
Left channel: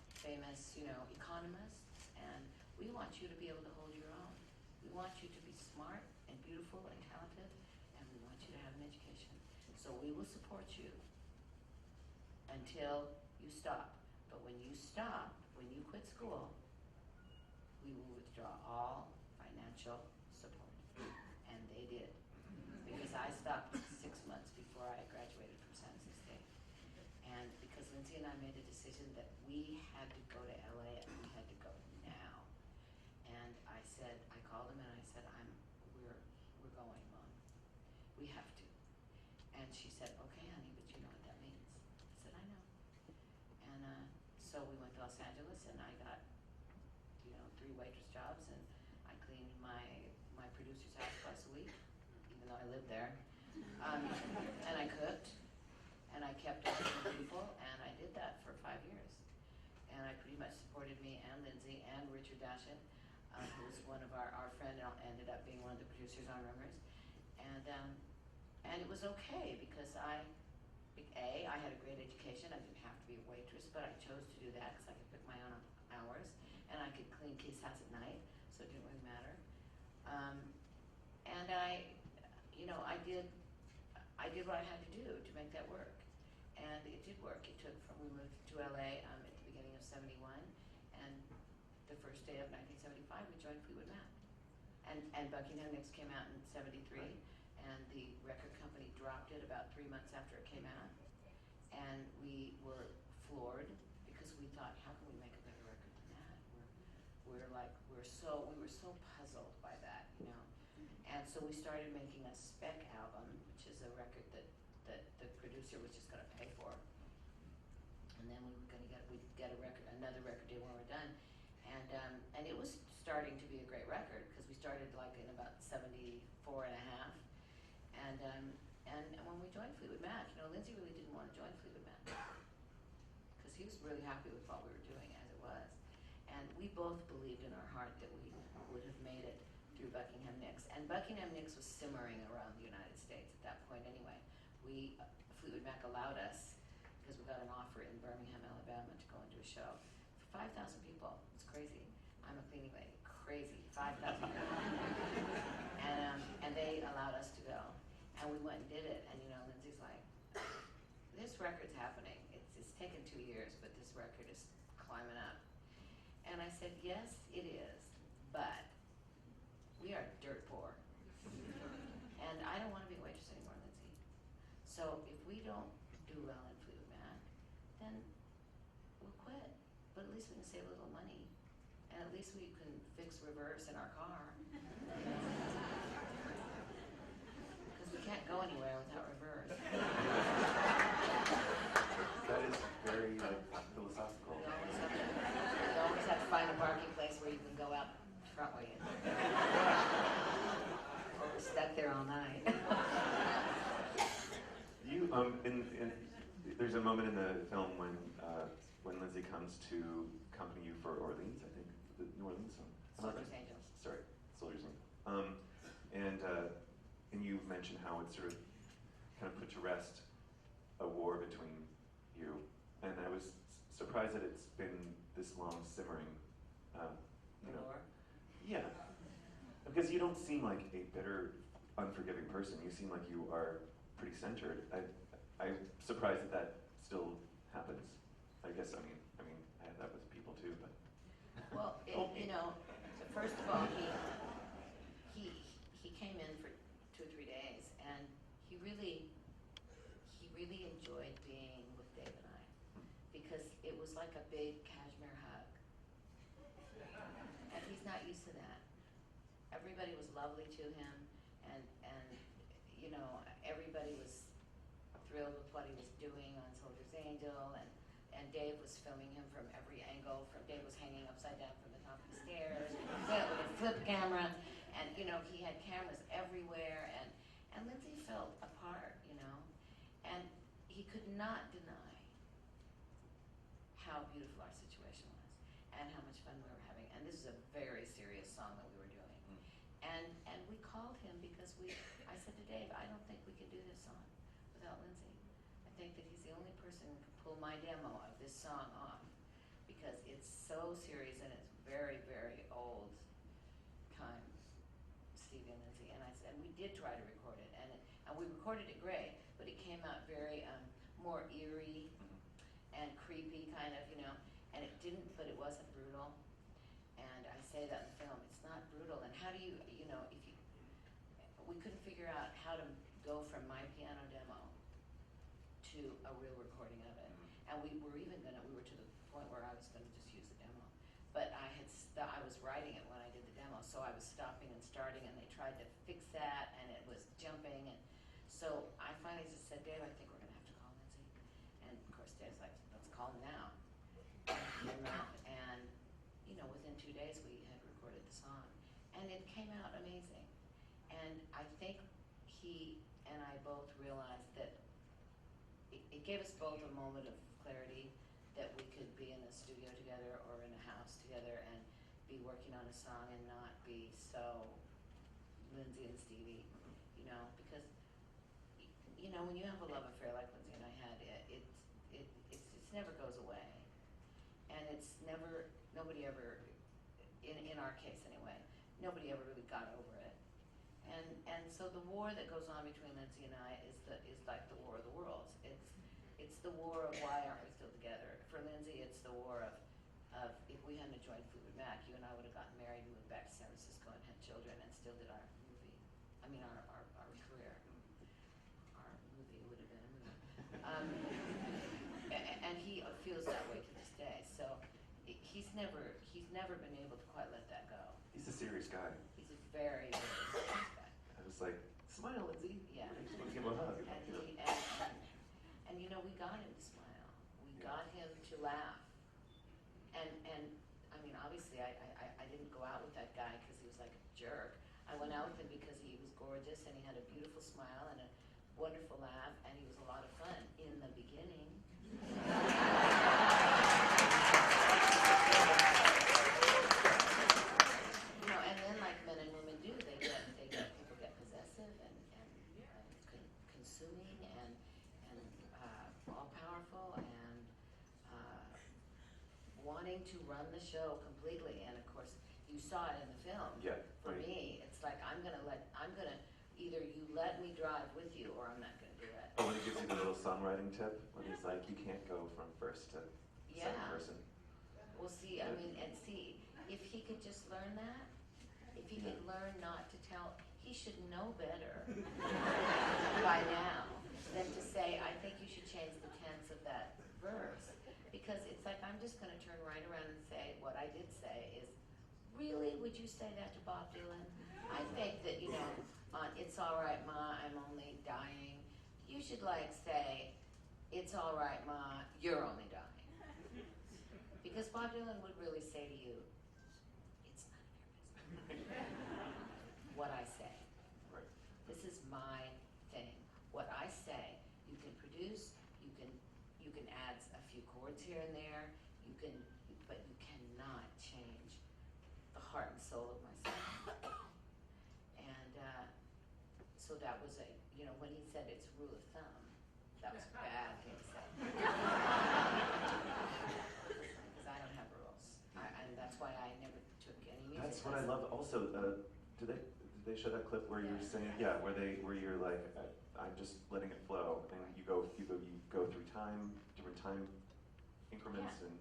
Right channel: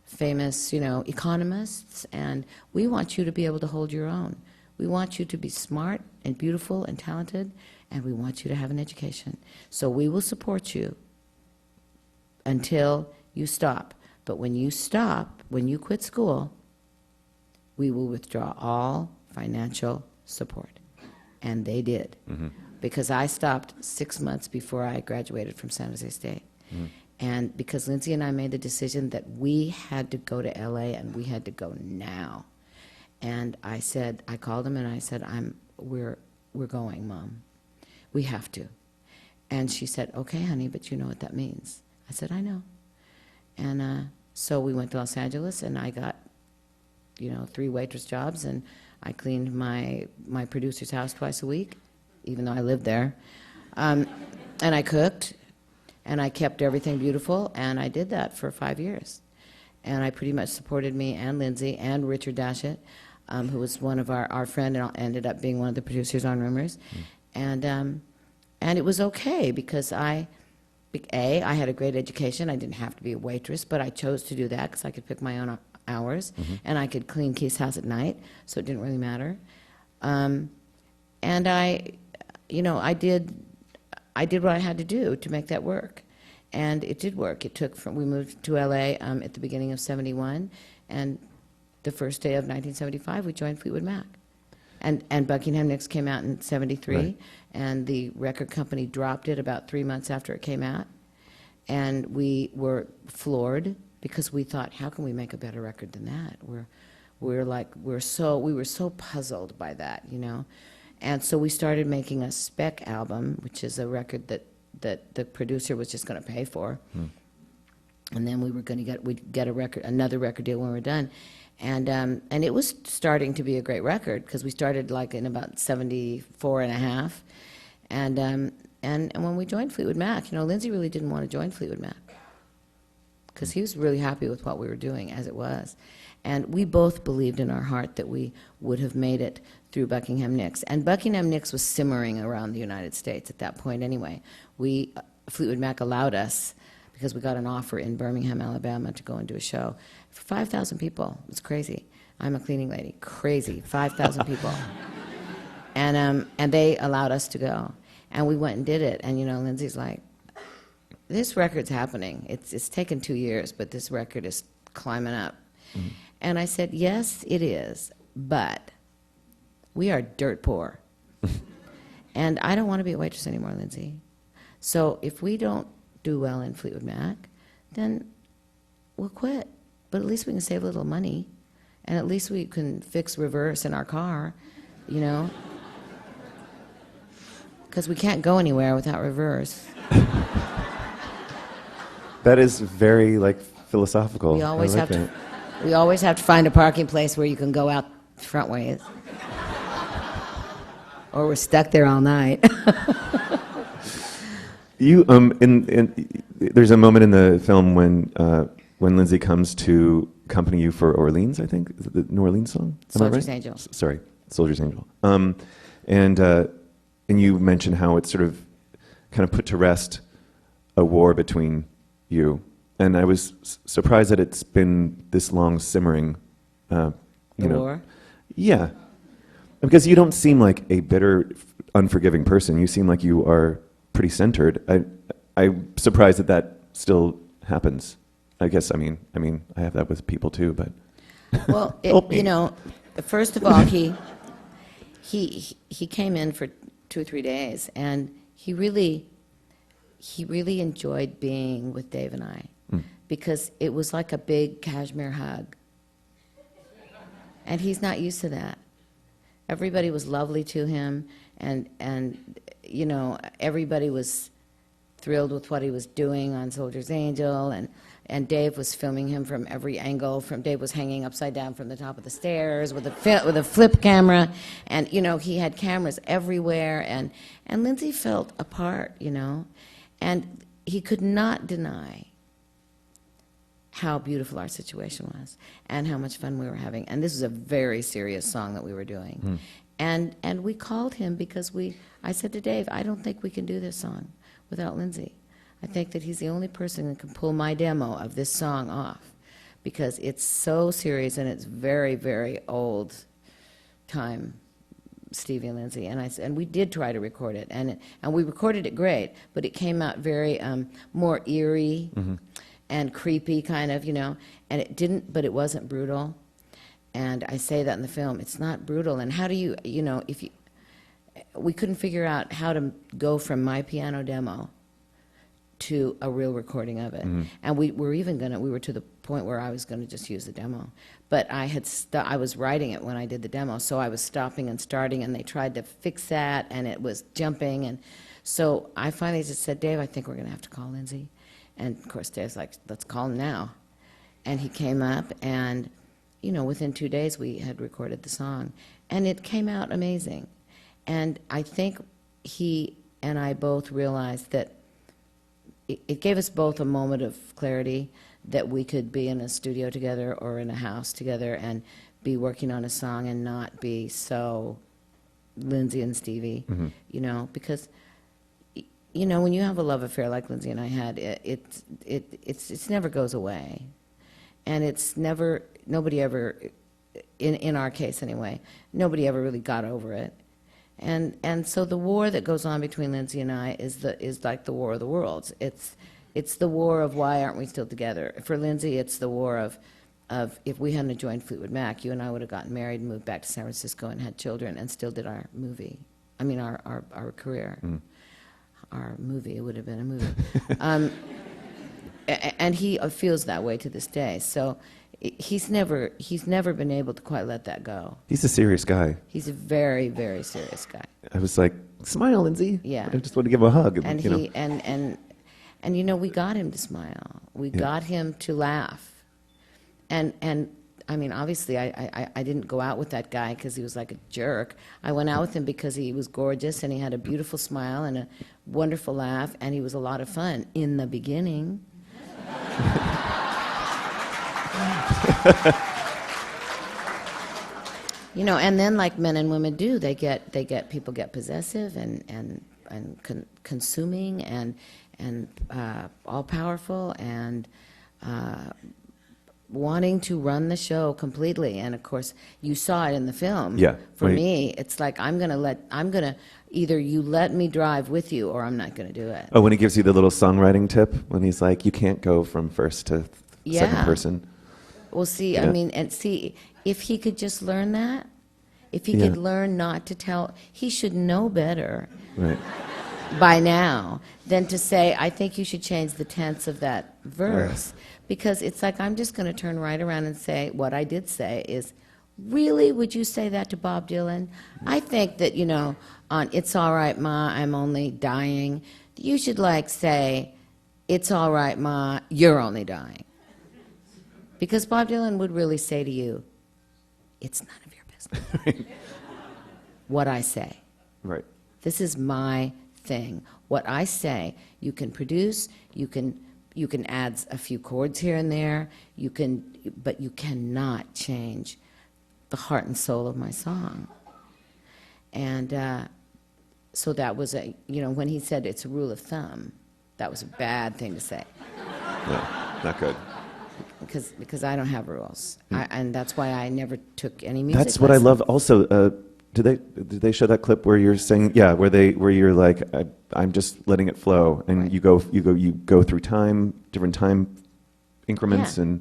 famous, economists, and we want you to be able to hold your own. We want you to be smart and beautiful and talented, and we want you to have an education. So we will support you until you stop. But when you stop, when you quit school, we will withdraw all financial support. And they did. Because I stopped 6 months before I graduated from San Jose State. And because Lindsay and I made the decision that we had to go to LA and we had to go now. And I called him and I said, we're going, Mom. We have to. And she said, okay, honey, but you know what that means. I said, I know. And so we went to Los Angeles, and I got, 3 waitress jobs, and I cleaned my producer's house twice a week, even though I lived there. And I cooked, and I kept everything beautiful, and I did that for 5 years. and I pretty much supported me and Lindsay and Richard Dashett, who was one of our friend and ended up being one of the producers on Rumors. And it was okay because I had a great education. I didn't have to be a waitress, but I chose to do that because I could pick my own hours, and I could clean Keith's house at night, so it didn't really matter. And I did what I had to do to make that work, and it did work. We moved to LA at the beginning of '71, and the first day of 1975, we joined Fleetwood Mac. And Buckingham Nicks came out in '73, right. And the record company dropped it about 3 months after it came out. And we were floored because we thought, how can we make a better record than that? We were so puzzled by that, you know. And so we started making a spec album, which is a record that the producer was just going to pay for. And then we'd get another record deal when we're done. And it was starting to be a great record because we started like in about 74 and a half. And when we joined Fleetwood Mac, you know, Lindsay really didn't want to join Fleetwood Mac because he was really happy with what we were doing as it was. And we both believed in our heart that we would have made it through Buckingham Nicks. And Buckingham Nicks was simmering around the United States at that point anyway. Fleetwood Mac allowed us, because we got an offer in Birmingham, Alabama, to go and do a show for 5,000 people. It was crazy. I'm a cleaning lady. Crazy. 5,000 people. And they allowed us to go. And we went and did it. And, you know, Lindsay's like, this record's happening. It's taken 2 years, but this record is climbing up. And I said, yes, it is, but we are dirt poor. And I don't want to be a waitress anymore, Lindsay. So if we don't do well in Fleetwood Mac, then we'll quit. But at least we can save a little money, and at least we can fix reverse in our car, you know? Because we can't go anywhere without reverse. That is very, like, philosophical. We always have to find a parking place where you can go out front ways. Or we're stuck there all night. You there's a moment in the film when Lindsay comes to accompany you for Orleans, I think, is it the New Orleans song? Soldier's Angel. Sorry, Soldier's Angel. And you mentioned how it sort of kind of put to rest a war between you, and I was surprised that it's been this long simmering. War? Yeah, because you don't seem like a bitter, unforgiving person. You seem like you are pretty centered. I'm surprised that still happens. I guess I mean I have that with people too, but well, you know, first of all, he came in for 2 or 3 days, and he really enjoyed being with Dave and I because it was like a big cashmere hug, and he's not used to that. Everybody was lovely to him, and you know, everybody was thrilled with what he was doing on Soldier's Angel, and Dave was filming him from every angle. Dave was hanging upside down from the top of the stairs with a flip camera, and you know, he had cameras everywhere, and Lindsay felt a part, you know, and he could not deny how beautiful our situation was and how much fun we were having. And this is a very serious song that we were doing. And we called him because I said to Dave, I don't think we can do this song without Lindsay. I think that he's the only person that can pull my demo of this song off because it's so serious and it's very, very old time, Stevie and Lindsay. And we did try to record it, and we recorded it great, but it came out very more eerie and creepy kind of, you know, and it wasn't brutal. And I say that in the film, it's not brutal. And how do you know, we couldn't figure out how to go from my piano demo to a real recording of it. And we were to the point where I was gonna just use the demo. But I was writing it when I did the demo, so I was stopping and starting, and they tried to fix that, and it was jumping. And so I finally just said, Dave, I think we're gonna have to call Lindsay. And of course, Dave's like, let's call him now. And he came up, and you know, within 2 days we had recorded the song, and it came out amazing. And I think he and I both realized that it gave us both a moment of clarity that we could be in a studio together or in a house together and be working on a song and not be so Lindsay and Stevie, you know, because you know, when you have a love affair like Lindsay and I had, it never goes away, and it's never, nobody ever, in our case anyway, nobody ever really got over it, and so the war that goes on between Lindsay and I is like the war of the worlds. It's the war of why aren't we still together. For Lindsay, it's the war of if we hadn't joined Fleetwood Mac, you and I would have gotten married and moved back to San Francisco and had children and still did our movie. I mean, our career. Our movie, it would have been a movie. And he feels that way to this day. So he's never been able to quite let that go. He's a serious guy. He's a very, very serious guy. I was like, smile, Lindsay. Yeah. I just want to give him a hug. And you know. and you know, we got him to smile. We got him to laugh. And I mean, obviously, I didn't go out with that guy because he was like a jerk. I went out with him because he was gorgeous and he had a beautiful smile and a wonderful laugh, and he was a lot of fun in the beginning. You know, and then like men and women do, people get possessive and consuming and all powerful and wanting to run the show completely. And of course, you saw it in the film. Yeah. For me, it's like I'm gonna either you let me drive with you or I'm not gonna do it. Oh, when he gives you the little songwriting tip, when he's like, you can't go from first to second person. Well, see, Yeah. I mean, and see, if he could just learn that, if he could learn not to tell, he should know better Right. by now than to say, I think you should change the tense of that verse. Because it's like, I'm just going to turn right around and say, what I did say is, really, would you say that to Bob Dylan? I think that, you know, on It's All Right, Ma, I'm Only Dying, you should like say, It's all right, Ma, you're only dying. Because Bob Dylan would really say to you, it's none of your business. What I say. Right. This is my thing. What I say, you can produce, you can add a few chords here and there, but you cannot change the heart and soul of my song. And so that was when he said it's a rule of thumb, that was a bad thing to say. Yeah, not good. Because I don't have rules, and that's why I never took any music That's what lessons. I love. Also, did they show that clip where you're saying where you're like I'm just letting it flow, and Right. you go through different time increments, Yeah.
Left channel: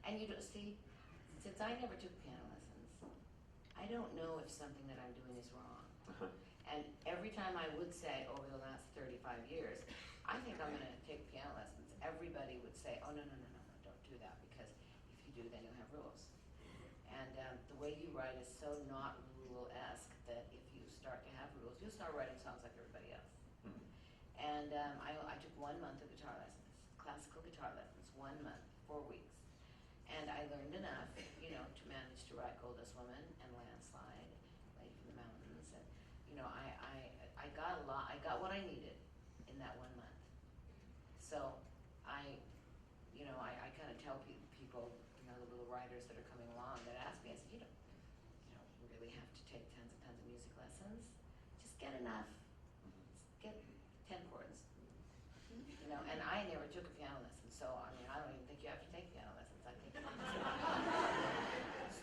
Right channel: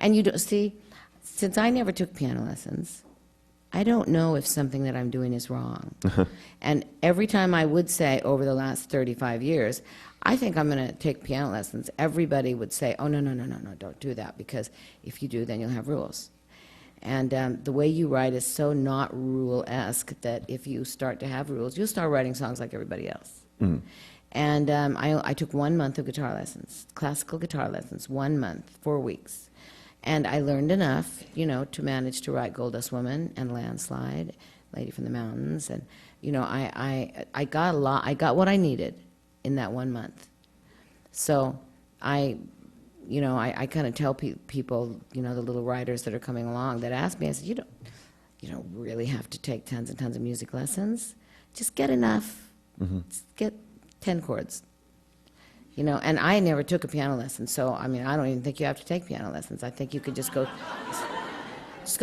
and you don't see, since I never took piano lessons, I don't know if something that I'm doing is wrong. And every time I would say over the last 35 years, I think I'm going to take piano lessons, everybody would say, oh, no, don't do that, because if you do, then you'll have rules. And the way you write is so not rule-esque that if you start to have rules, you'll start writing songs like everybody else. And I took 1 month of guitar lessons, classical guitar lessons, 1 month, 4 weeks. And I learned enough, to manage to write Gold Dust Woman and Landslide, Lady from the Mountains. And, I got a lot, I got what I needed in that 1 month. So I kind of tell people, the little writers that are coming along that ask me, I said, you don't really have to take tons and tons of music lessons. Just get enough. Just get 10 chords. And I never took a piano lesson, so, I don't even think you have to take piano lessons. I think you could just go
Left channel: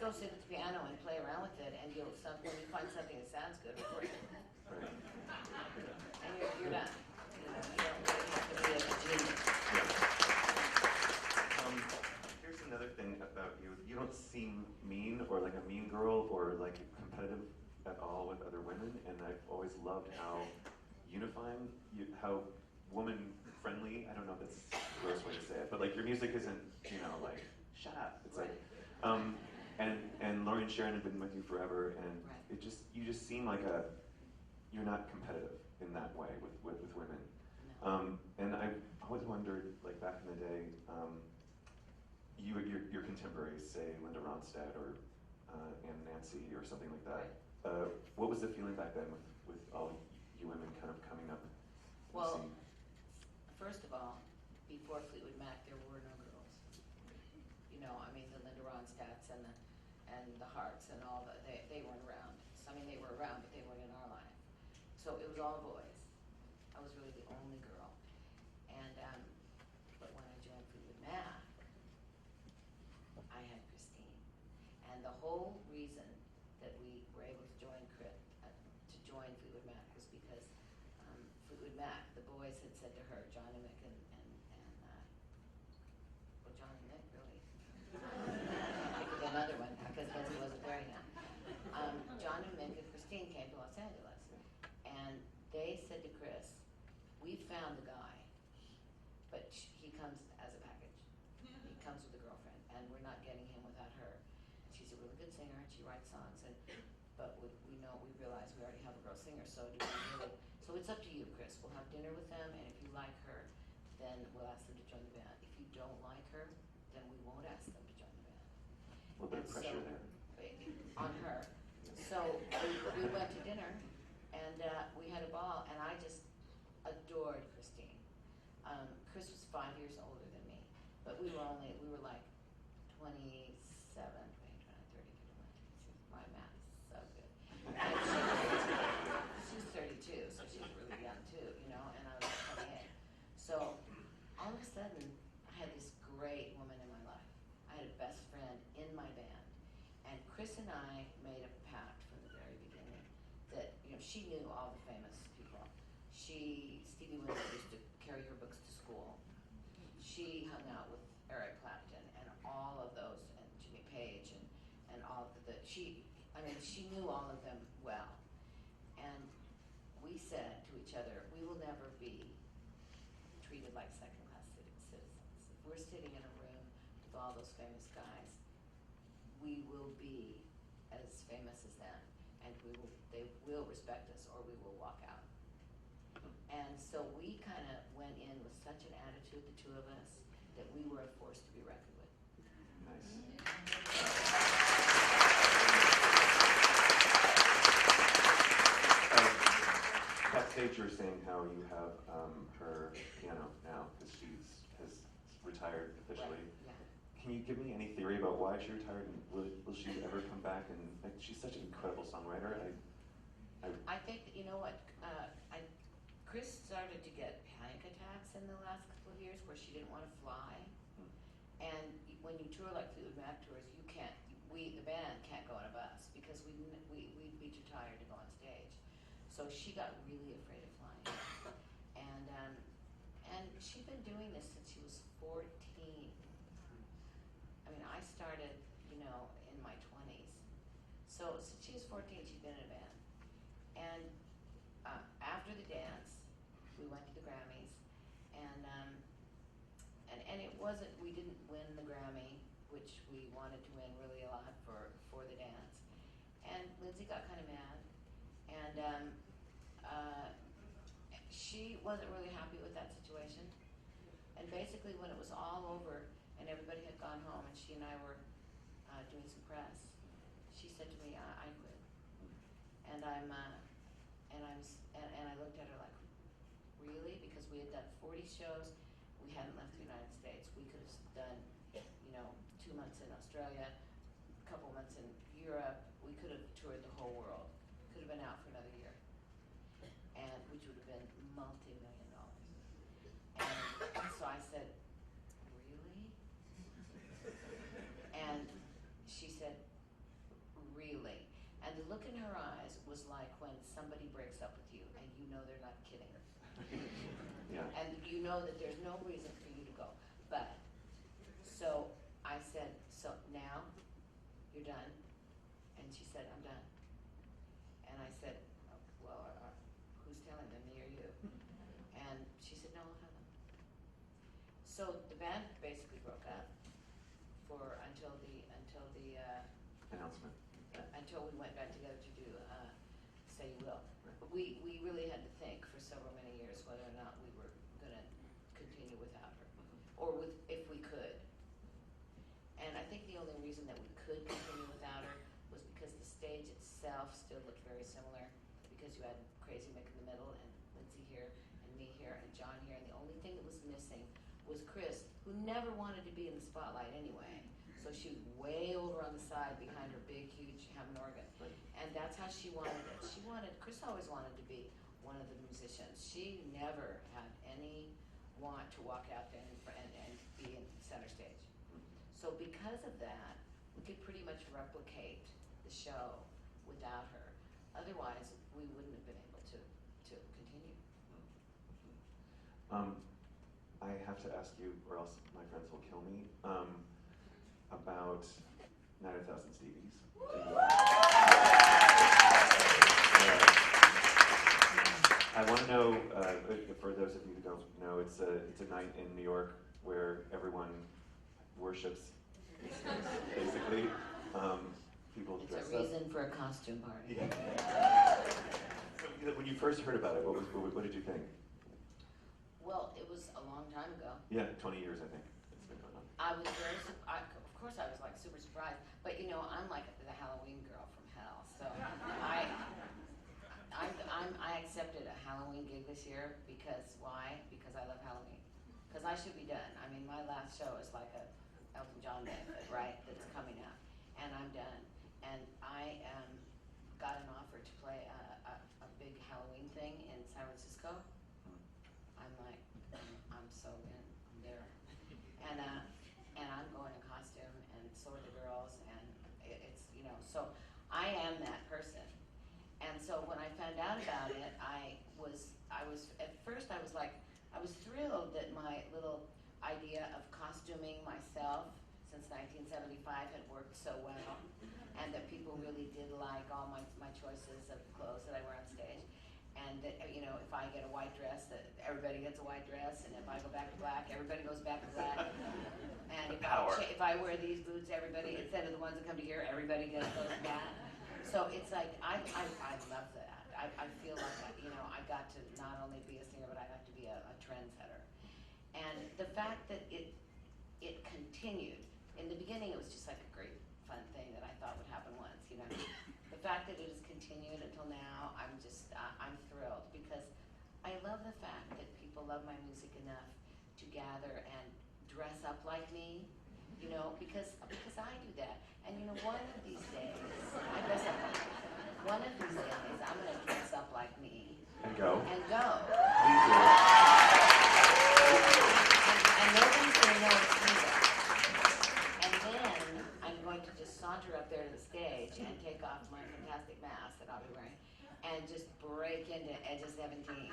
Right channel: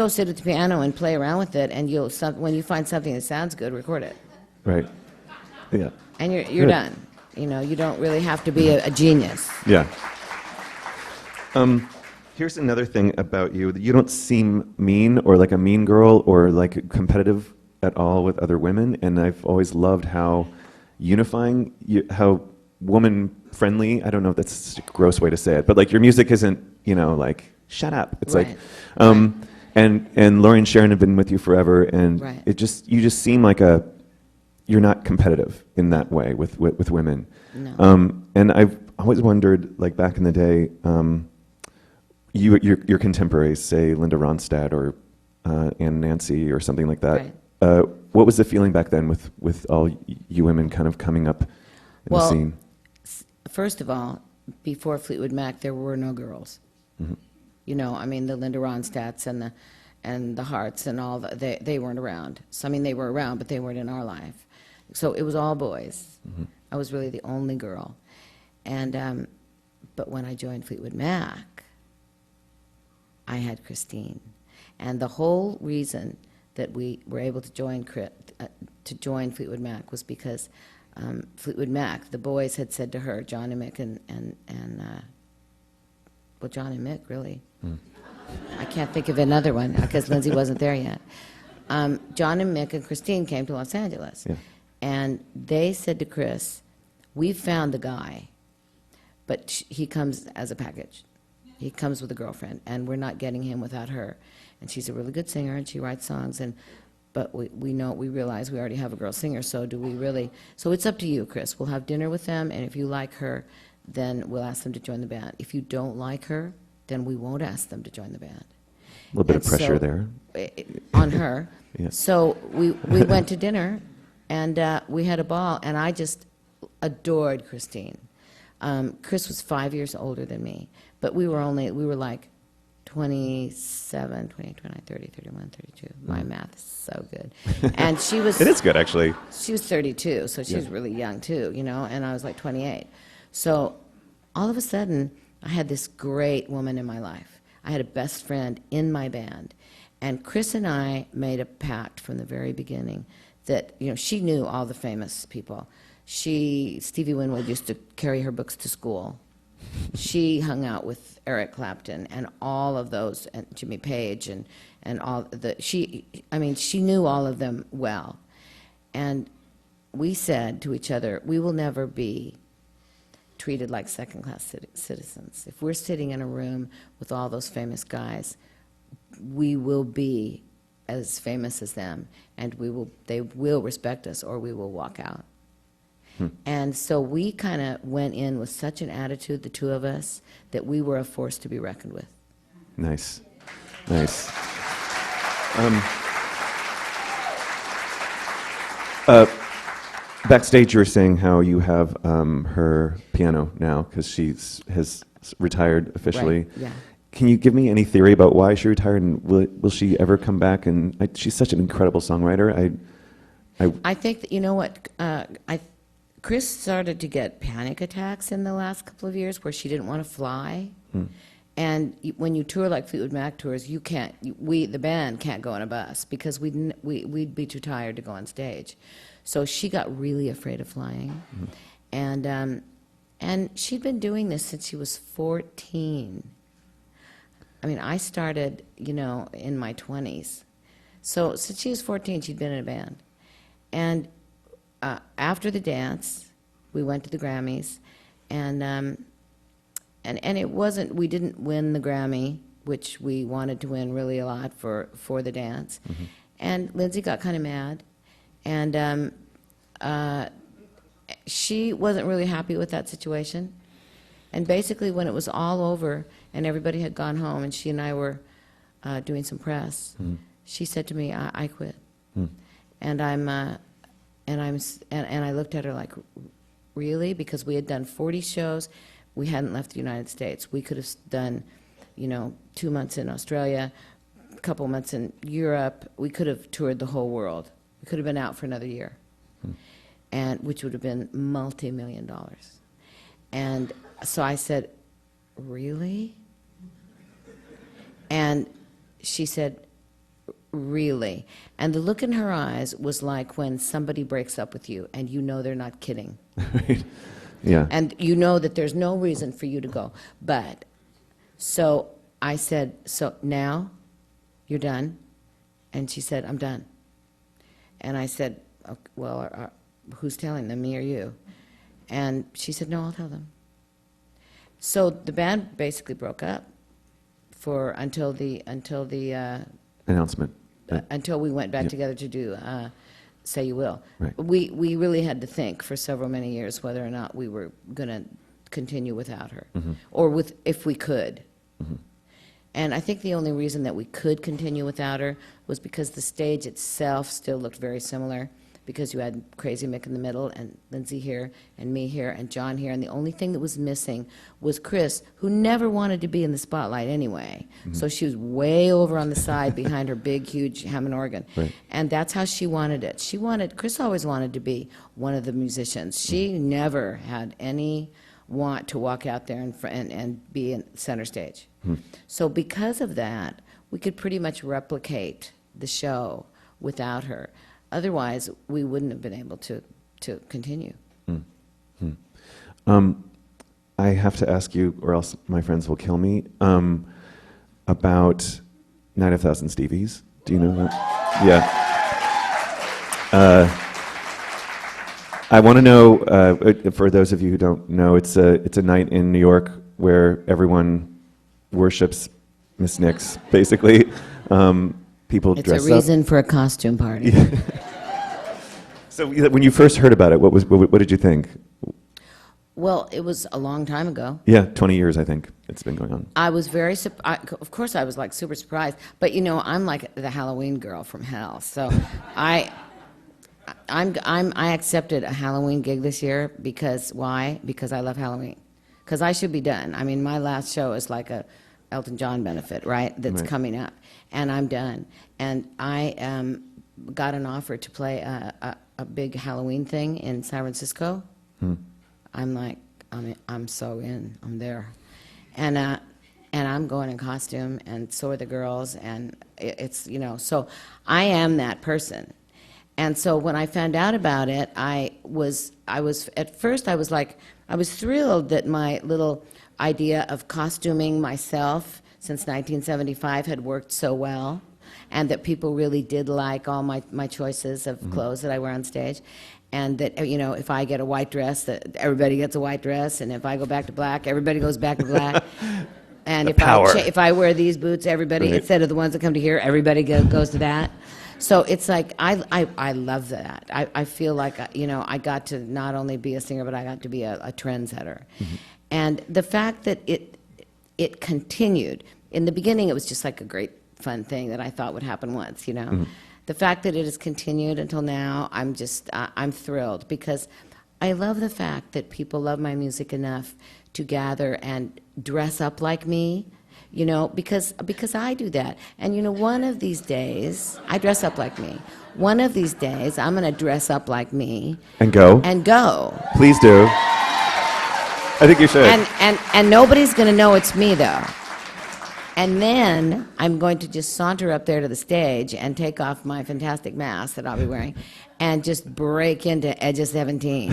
sit at the piano and play around with it, and when you find something that sounds good, record it. right, yeah, And you're done. You don't really have to be a genius. yeah. Here's another thing about you: you don't seem mean or like a mean girl or like competitive at all with other women, and I've always loved how unifying, how woman-friendly. I don't know if that's a gross way to say it, but like your music isn't, like shut up. It's Right. like, and Laurie and Sharon have been with you forever, and Right. you just seem like you're not competitive in that way with women. No. And I've always wondered, like back in the day, your contemporaries, say Linda Ronstadt or Ann Nancy or something like that. Right. What was the feeling back then with all you women kind of coming up in the scene? First of all, before Fleetwood Mac, there were no girls. You know, I mean, the Linda Ronstadts and the Harts and all they weren't around. So I mean, they were around, but they weren't in our life. So it was all boys. I was really the only girl. And but when I joined Fleetwood Mac, I had Christine. And the whole reason that we were able to join Fleetwood Mac was because Fleetwood Mac, the boys had said to her, John and Mick well, John and Mick, really. I can't think of another one because Lindsay wasn't there yet. John and Mick and Christine came to Los Angeles. Yeah. And they said to Chris, we've found the guy, but he comes as a package. He comes with a girlfriend, and we're not getting him without her. And she's a really good singer, and she writes songs, but we realize we already have a girl singer, so do we really? So it's up to you, Chris. We'll have dinner with them, and if you like her, then we'll ask them to join the band. If you don't like her, then we won't ask them to join the band. A little bit of pressure there. On her. Yeah. So we went to dinner, and we had a ball, and I just adored Christine. Chris was 5 years older than me, but we were like 27, 28, 29, 30, 31, 32. My math is so good. And she was... It is good, actually. She was 32, so she was really young, too, you know, and I was like 28. So all of a sudden, I had this great woman in my life. I had a best friend in my band. And Chris and I made a pact from the very beginning that, you know, she knew all the famous people. Stevie Winwood used to carry her books to school. She hung out with Eric Clapton and all of those, and Jimmy Page and all she knew all of them well. And we said to each other, we will never be treated like second-class citizens. If we're sitting in a room with all those famous guys, we will be as famous as them, and they will respect us, or we will walk out. And so we kind of went in with such an attitude, the two of us, that we were a force to be reckoned with. Nice. Nice. Backstage, you were saying how you have her piano now because has retired officially. Right, yeah. Can you give me any theory about why she retired, and will she ever come back? And she's such an incredible songwriter. I think that, you know what, Chris started to get panic attacks in the last couple of years where she didn't want to fly. And when you tour like Fleetwood Mac tours, the band can't go on a bus because we'd be too tired to go on stage. So she got really afraid of flying. And she'd been doing this since she was 14. I mean, I started, you know, in my 20s. So since she was 14, she'd been in a band. And after the dance, we went to the Grammys, and it wasn't, we didn't win the Grammy, which we wanted to win really a lot for the dance. And Lindsay got kind of mad, and she wasn't really happy with that situation. And basically, when it was all over and everybody had gone home, and she and I were doing some press, she said to me, "I quit." And I looked at her like, really? Because we had done 40 shows. We hadn't left the United States. We could have done, you know, 2 months in Australia, a couple months in Europe. We could have toured the whole world. We could have been out for another year, and which would have been multi-million dollars. And so I said, really? And she said, really? And the look in her eyes was like when somebody breaks up with you and you know they're not kidding. Right. Yeah. And you know that there's no reason for you to go. But, so I said, so now you're done? And she said, I'm done. And I said, okay, well, who's telling them, me or you? And she said, no, I'll tell them. So the band basically broke up until the Announcement. until we went back together to do Say You Will. Right. We really had to think for many years whether or not we were going to continue without her, or if we could. And I think the only reason that we could continue without her was because the stage itself still looked very similar. because you had Crazy Mick in the middle, and Lindsay here, and me here, and John here, and the only thing that was missing was Chris, who never wanted to be in the spotlight anyway. So she was way over on the side behind her big, huge Hammond organ. Right. And that's how she wanted it. Chris always wanted to be one of the musicians. She never had any want to walk out there and be in center stage. So because of that, we could pretty much replicate the show without her. Otherwise, we wouldn't have been able to continue. I have to ask you, or else my friends will kill me, about Night of Thousand Stevies. Do you know that? Yeah. I want to know, for those of you who don't know, it's a night in New York where everyone worships Miss Nicks, basically. People It's dress a reason for a costume party. So when you first heard about it, what did you think? Well, it was a long time ago. Yeah, 20 years, I think it's been going on. I was very, of course I was like super surprised, but you know, I'm like the Halloween girl from hell. So I accepted a Halloween gig this year because why? Because I love Halloween. Because I should be done. I mean, my last show is like a Elton John benefit, right? That's Right. coming up, and I'm done. And I got an offer to play a big Halloween thing in San Francisco. I'm like, I'm so in. I'm there, and I'm going in costume, and so are the girls, and it's so I am that person. And so when I found out about it, I was at first I was thrilled that my little idea of costuming myself since 1975 had worked so well, and that people really did like all my choices of clothes that I wear on stage. And that, if I get a white dress, that everybody gets a white dress, and if I go back to black, everybody goes back to black. And if I wear these boots, everybody, Right. instead of the ones that come to here, everybody goes to that. So it's like, I love that. I feel like, I got to not only be a singer, but I got to be a trendsetter. And the fact that it continued, in the beginning it was just like a great fun thing that I thought would happen once, The fact that it has continued until now, I'm thrilled, because I love the fact that people love my music enough to gather and dress up like me, because I do that. And one of these days, I dress up like me. One of these days, I'm going to dress up like me. And go. Please do. I think you should. And nobody's going to know it's me, though. And then I'm going to just saunter up there to the stage and take off my fantastic mask that I'll be wearing and just break into Edge of 17.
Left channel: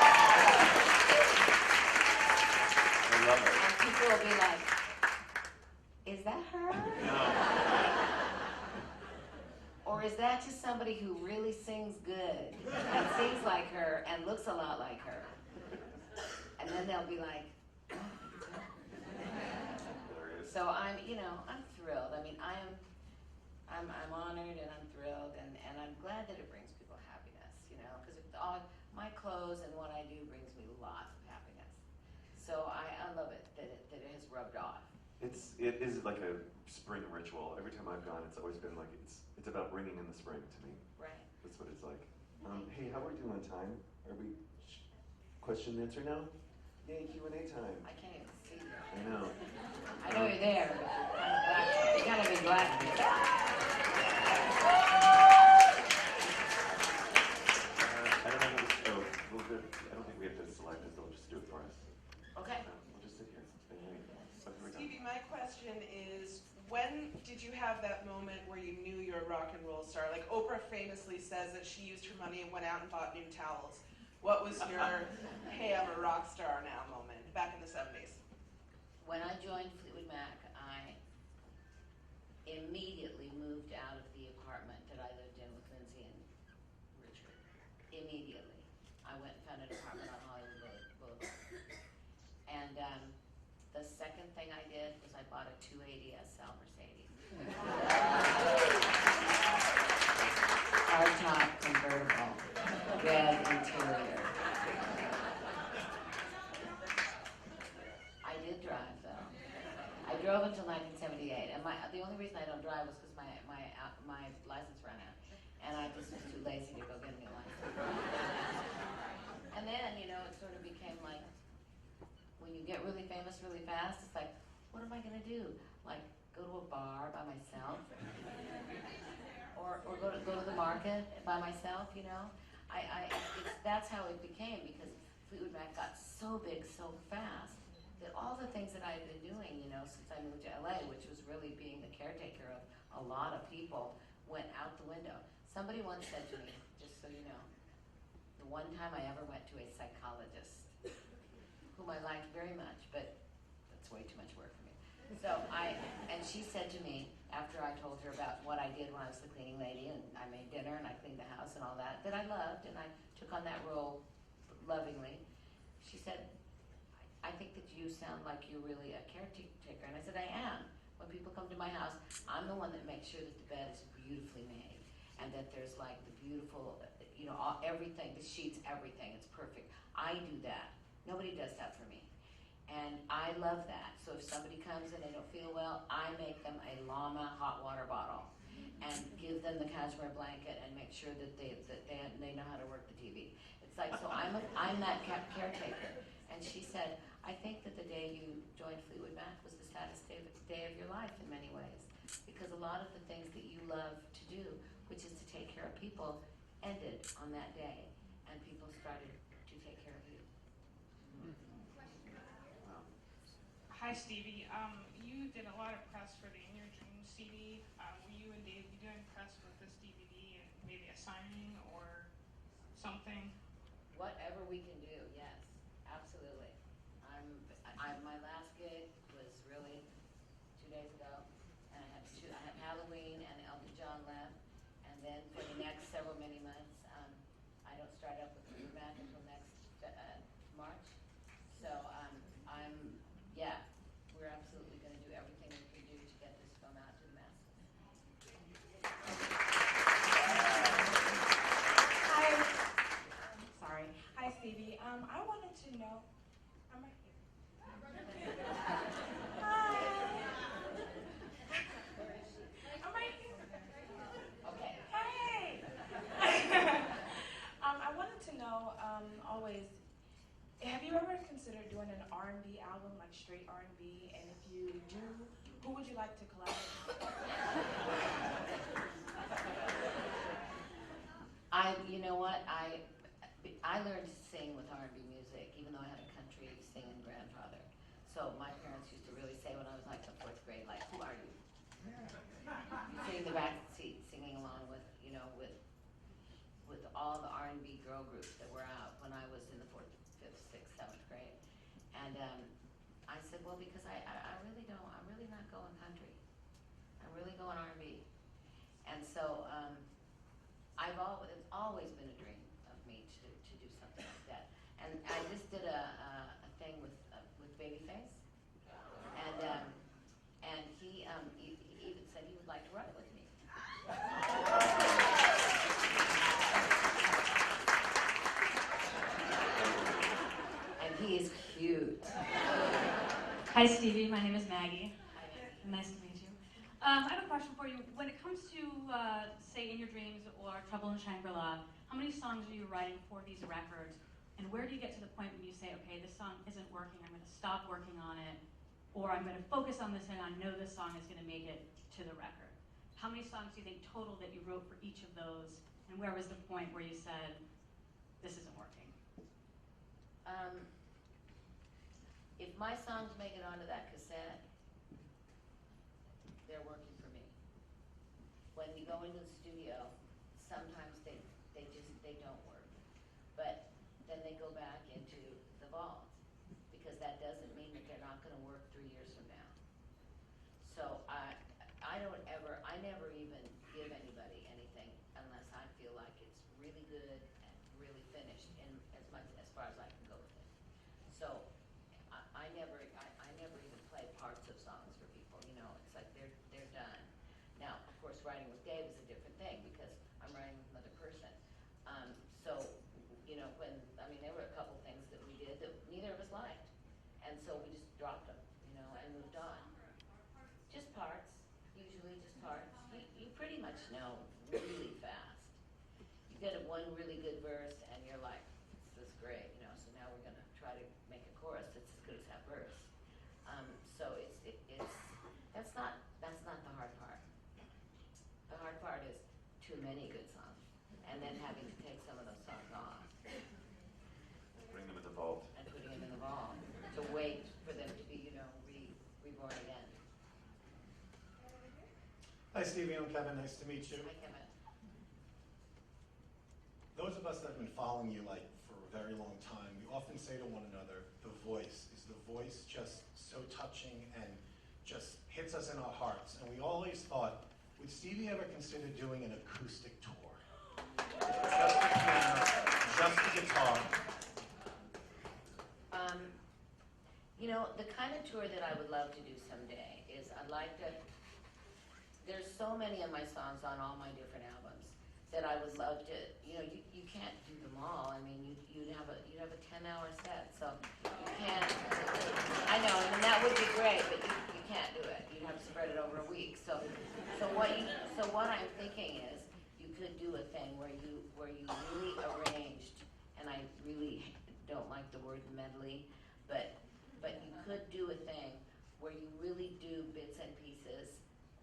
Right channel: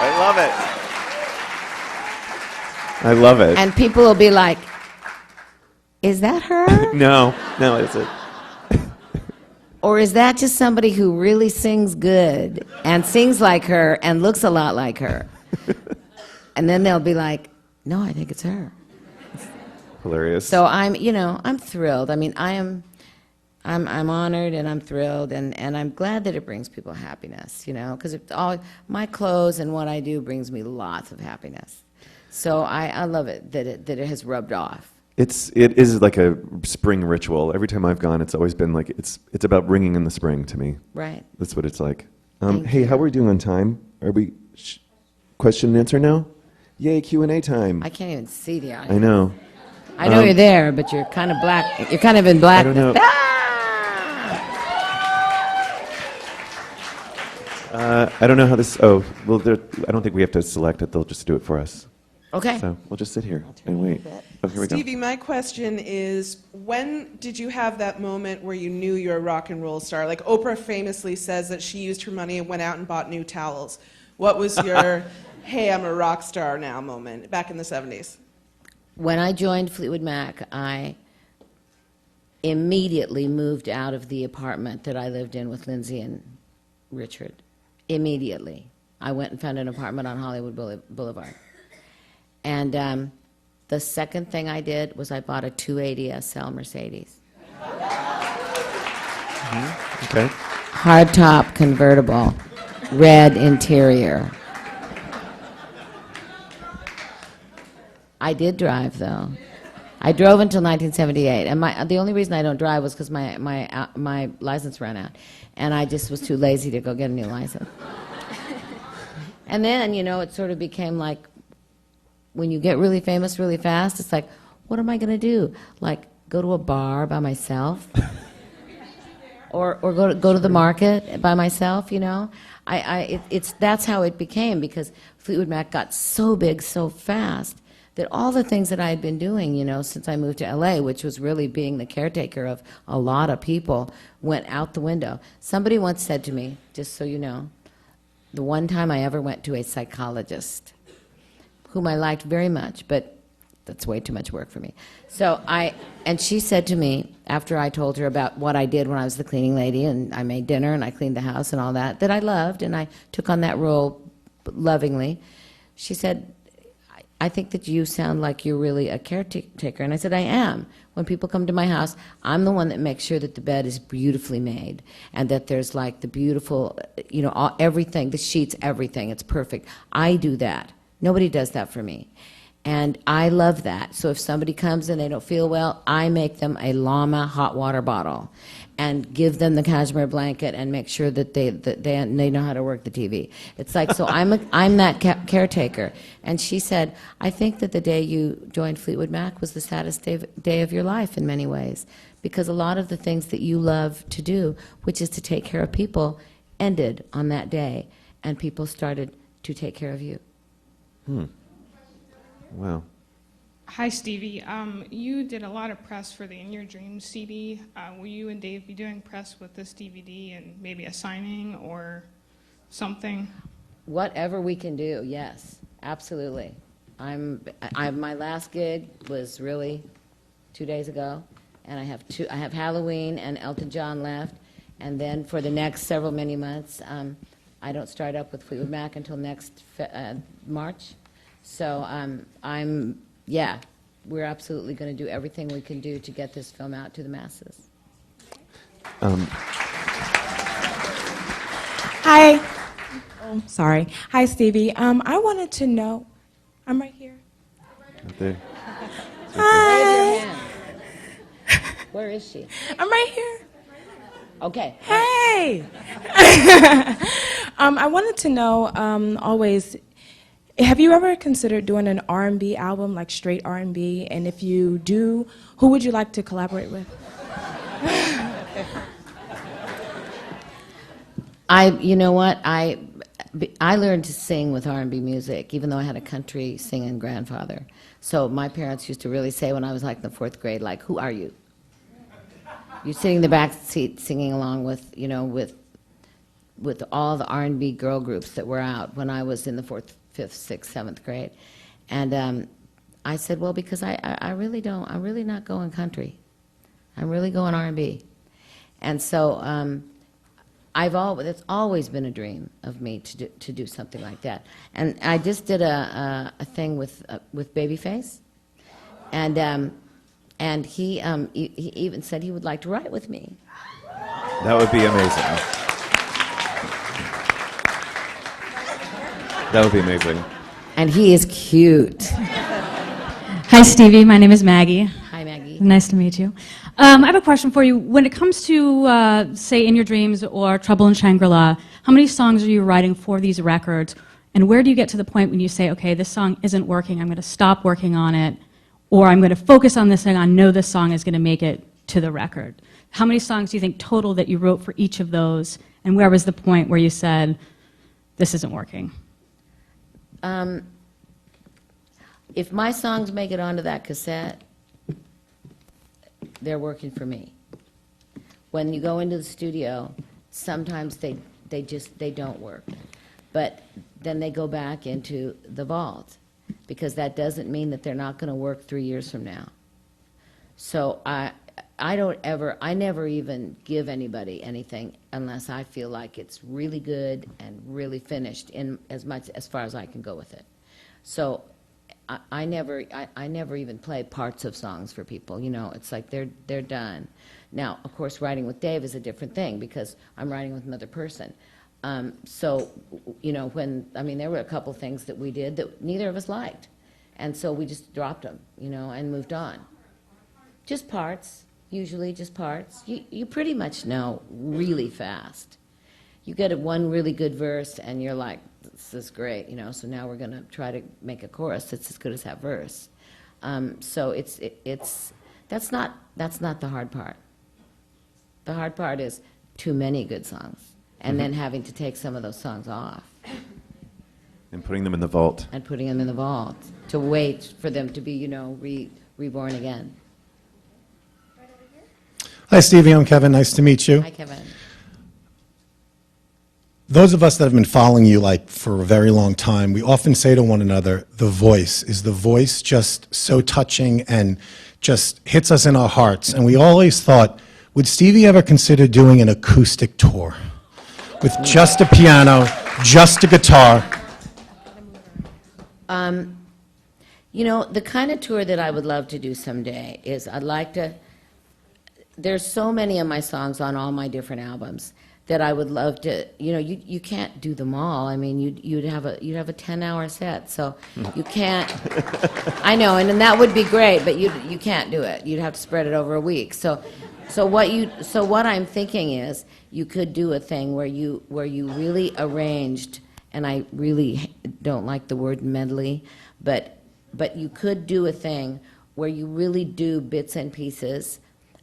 I love it. And people will be like, is that her? No, it's it. Or is that just somebody who really sings good and sings like her and looks a lot like her? And then they'll be like, no, I think it's her. Hilarious. So I'm thrilled. I mean, I'm honored and I'm thrilled, and I'm glad that it brings people happiness, because my clothes and what I do brings me lots of happiness. So I love it that it has rubbed off. It is like a spring ritual. Every time I've gone, it's always been like it's about bringing in the spring to me. Right. That's what it's like. Thank Hey, you. how are we doing on time? Are we question and answer now? Yay, Q&A time. I can't even see the audience. I know. I know you're there, but you're kind of black. You're kind of in black. I don't know. I don't know how this. Oh, well, I don't think we have to select it. They'll just do it for us. Okay. So we'll just sit here and wait. Oh, here we go. Stevie, my question is, when did you have that moment where you knew you're a rock and roll star? Like Oprah famously says that she used her money and went out and bought new towels. What was your, hey, I'm a rock star now moment back in the 70s? When I joined Fleetwood Mac, I immediately moved out of the apartment that I lived in with Lindsay and Richard. Immediately. I went and found an apartment on Hollywood Boulevard. And the second thing I did was I bought a 280 SL Mercedes. Okay. Hardtop convertible, red interior. I did drive, though. I drove until 1978, and the only reason I don't drive was because my license ran out, and I just was too lazy to go get a new license. And then, it sort of became like, when you get really famous really fast, it's like, what am I going to do? Like, go to a bar by myself? or go to the market by myself, That's how it became, because Fleetwood Mac got so big so fast that all the things that I had been doing, since I moved to LA, which was really being the caretaker of a lot of people, went out the window. Somebody once said to me, just so you know, the one time I ever went to a psychologist, whom I liked very much, but that's way too much work for me. And she said to me, after I told her about what I did when I was the cleaning lady, and I made dinner and I cleaned the house and all that I loved, and I took on that role lovingly, she said, I think that you sound like you're really a caretaker. And I said, I am. When people come to my house, I'm the one that makes sure that the bed is beautifully made and that there's like the beautiful, everything, the sheets, everything. It's perfect. I do that. Nobody does that for me. And I love that. So if somebody comes and they don't feel well, I make them a llama hot water bottle and give them the cashmere blanket and make sure that they know how to work the TV. It's like, so I'm that caretaker. And she said, I think that the day you joined Fleetwood Mac was the saddest day of your life in many ways, because a lot of the things that you love to do, which is to take care of people, ended on that day, and people started to take care of you. Wow. Hi, Stevie. You did a lot of press for the In Your Dreams CD. Will you and Dave be doing press with this DVD and maybe a signing or something? Whatever we can do, yes, absolutely. My last gig was really 2 days ago, and I have Halloween and Elton John left, and then for the next many months, I don't start up with Fleetwood Mac until next March. So we're absolutely going to do everything we can do to get this film out to the masses. Hi. Oh, sorry. Hi, Stevie. I wanted to know. I'm right here. Right there. Raise your Hi. hand. Where is she? I'm right here. Okay. Hey. I wanted to know, always, have you ever considered doing an R&B album, like straight R&B? And if you do, who would you like to collaborate with? You know what? I learned to sing with R&B music, even though I had a country singing grandfather. So my parents used to really say when I was like in the 4th grade, like, who are you? You're sitting in the back seat singing along with all the R&B girl groups that were out when I was in the 4th, 5th, 6th, 7th grade. And I said, well, because I really don't, I'm really not going country. I'm really going R&B. And so it's always been a dream of me to do something like that. And I just did a thing with Babyface, and he even said he would like to write with me. That would be amazing. That would be amazing. And he is cute. Hi, Stevie. My name is Maggie. Hi, Maggie. Nice to meet you. I have a question for you. When it comes to, say, In Your Dreams or Trouble in Shangri-La, how many songs are you writing for these records? And where do you get to the point when you say, okay, this song isn't working, I'm going to stop working on it, or I'm going to focus on this thing, I know this song is going to make it to the record? How many songs do you think total that you wrote for each of those? And where was the point where you said, this isn't working? If my songs make it onto that cassette, they're working for me. When you go into the studio, sometimes they don't work. But then they go back into the vault, because that doesn't mean that they're not going to work 3 years from now. So I never even give anybody anything unless I feel like it's really good and really finished in as far as I can go with it. So I never even play parts of songs for people. It's like they're done. Now, of course, writing with Dave is a different thing because I'm writing with another person. So, there were a couple things that we did that neither of us liked, and so we just dropped them, and moved on. Just parts, usually just parts. You pretty much know really fast. You get one really good verse, and you're like, this is great, you know, so now we're going to try to make a chorus that's as good as that verse. So that's not the hard part. The hard part is too many good songs, and then having to take some of those songs off. And putting them in the vault. And putting them in the vault to wait for them to be, you know, reborn again. Hi, Stevie. I'm Kevin. Nice to meet you. Hi, Kevin. Those of us that have been following you like for a very long time, we often say to one another, the voice. Is the voice just so touching and just hits us in our hearts? And we always thought, would Stevie ever consider doing an acoustic tour with just a piano, just a guitar? You know, the kind of tour that I would love to do someday is I'd like to, there's so many of my songs on all my different albums that I would love to, you know, you can't do them all. I mean, you'd have a 10-hour set, so you can't, I know, and that would be great, but you can't do it. You'd have to spread it over a week. So what I'm thinking is you could do a thing where you really arranged, and I really don't like the word medley, but you could do a thing where you really do bits and pieces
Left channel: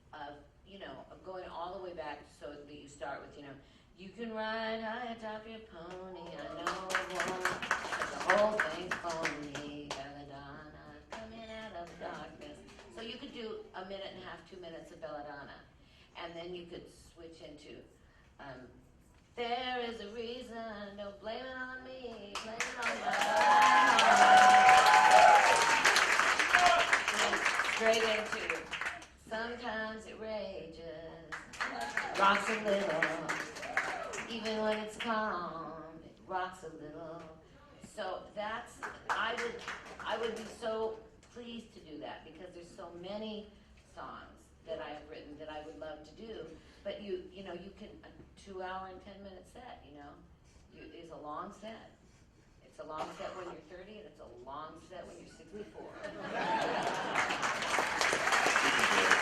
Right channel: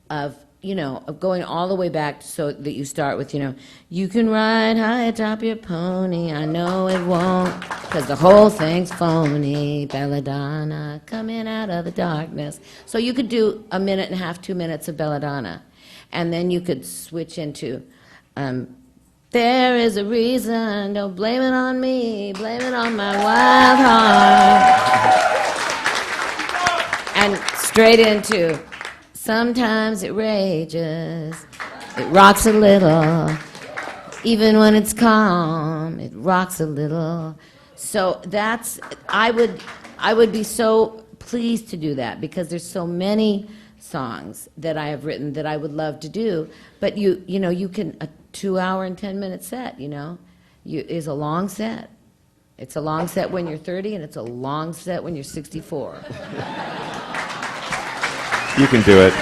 of, you know, of going all the way back so that you start with, you know, you can ride high atop your pony, I know it won't, because the whole thing's phony, Belladonna, coming out of the darkness. So you could do a minute and a half, 2 minutes of Belladonna, and then you could switch into, there is a reason, don't blame it on me, blame it on my wild heart. And straight into, sometimes it rages, it rocks a little, even when it's calm, it rocks a little. So that's, I would be so pleased to do that because there's so many songs that I have written that I would love to do, but you know, you can, a 2-hour and 10-minute set, you know, is a long set. It's a long set when you're 30, and it's a long set when you're 64. You can do it.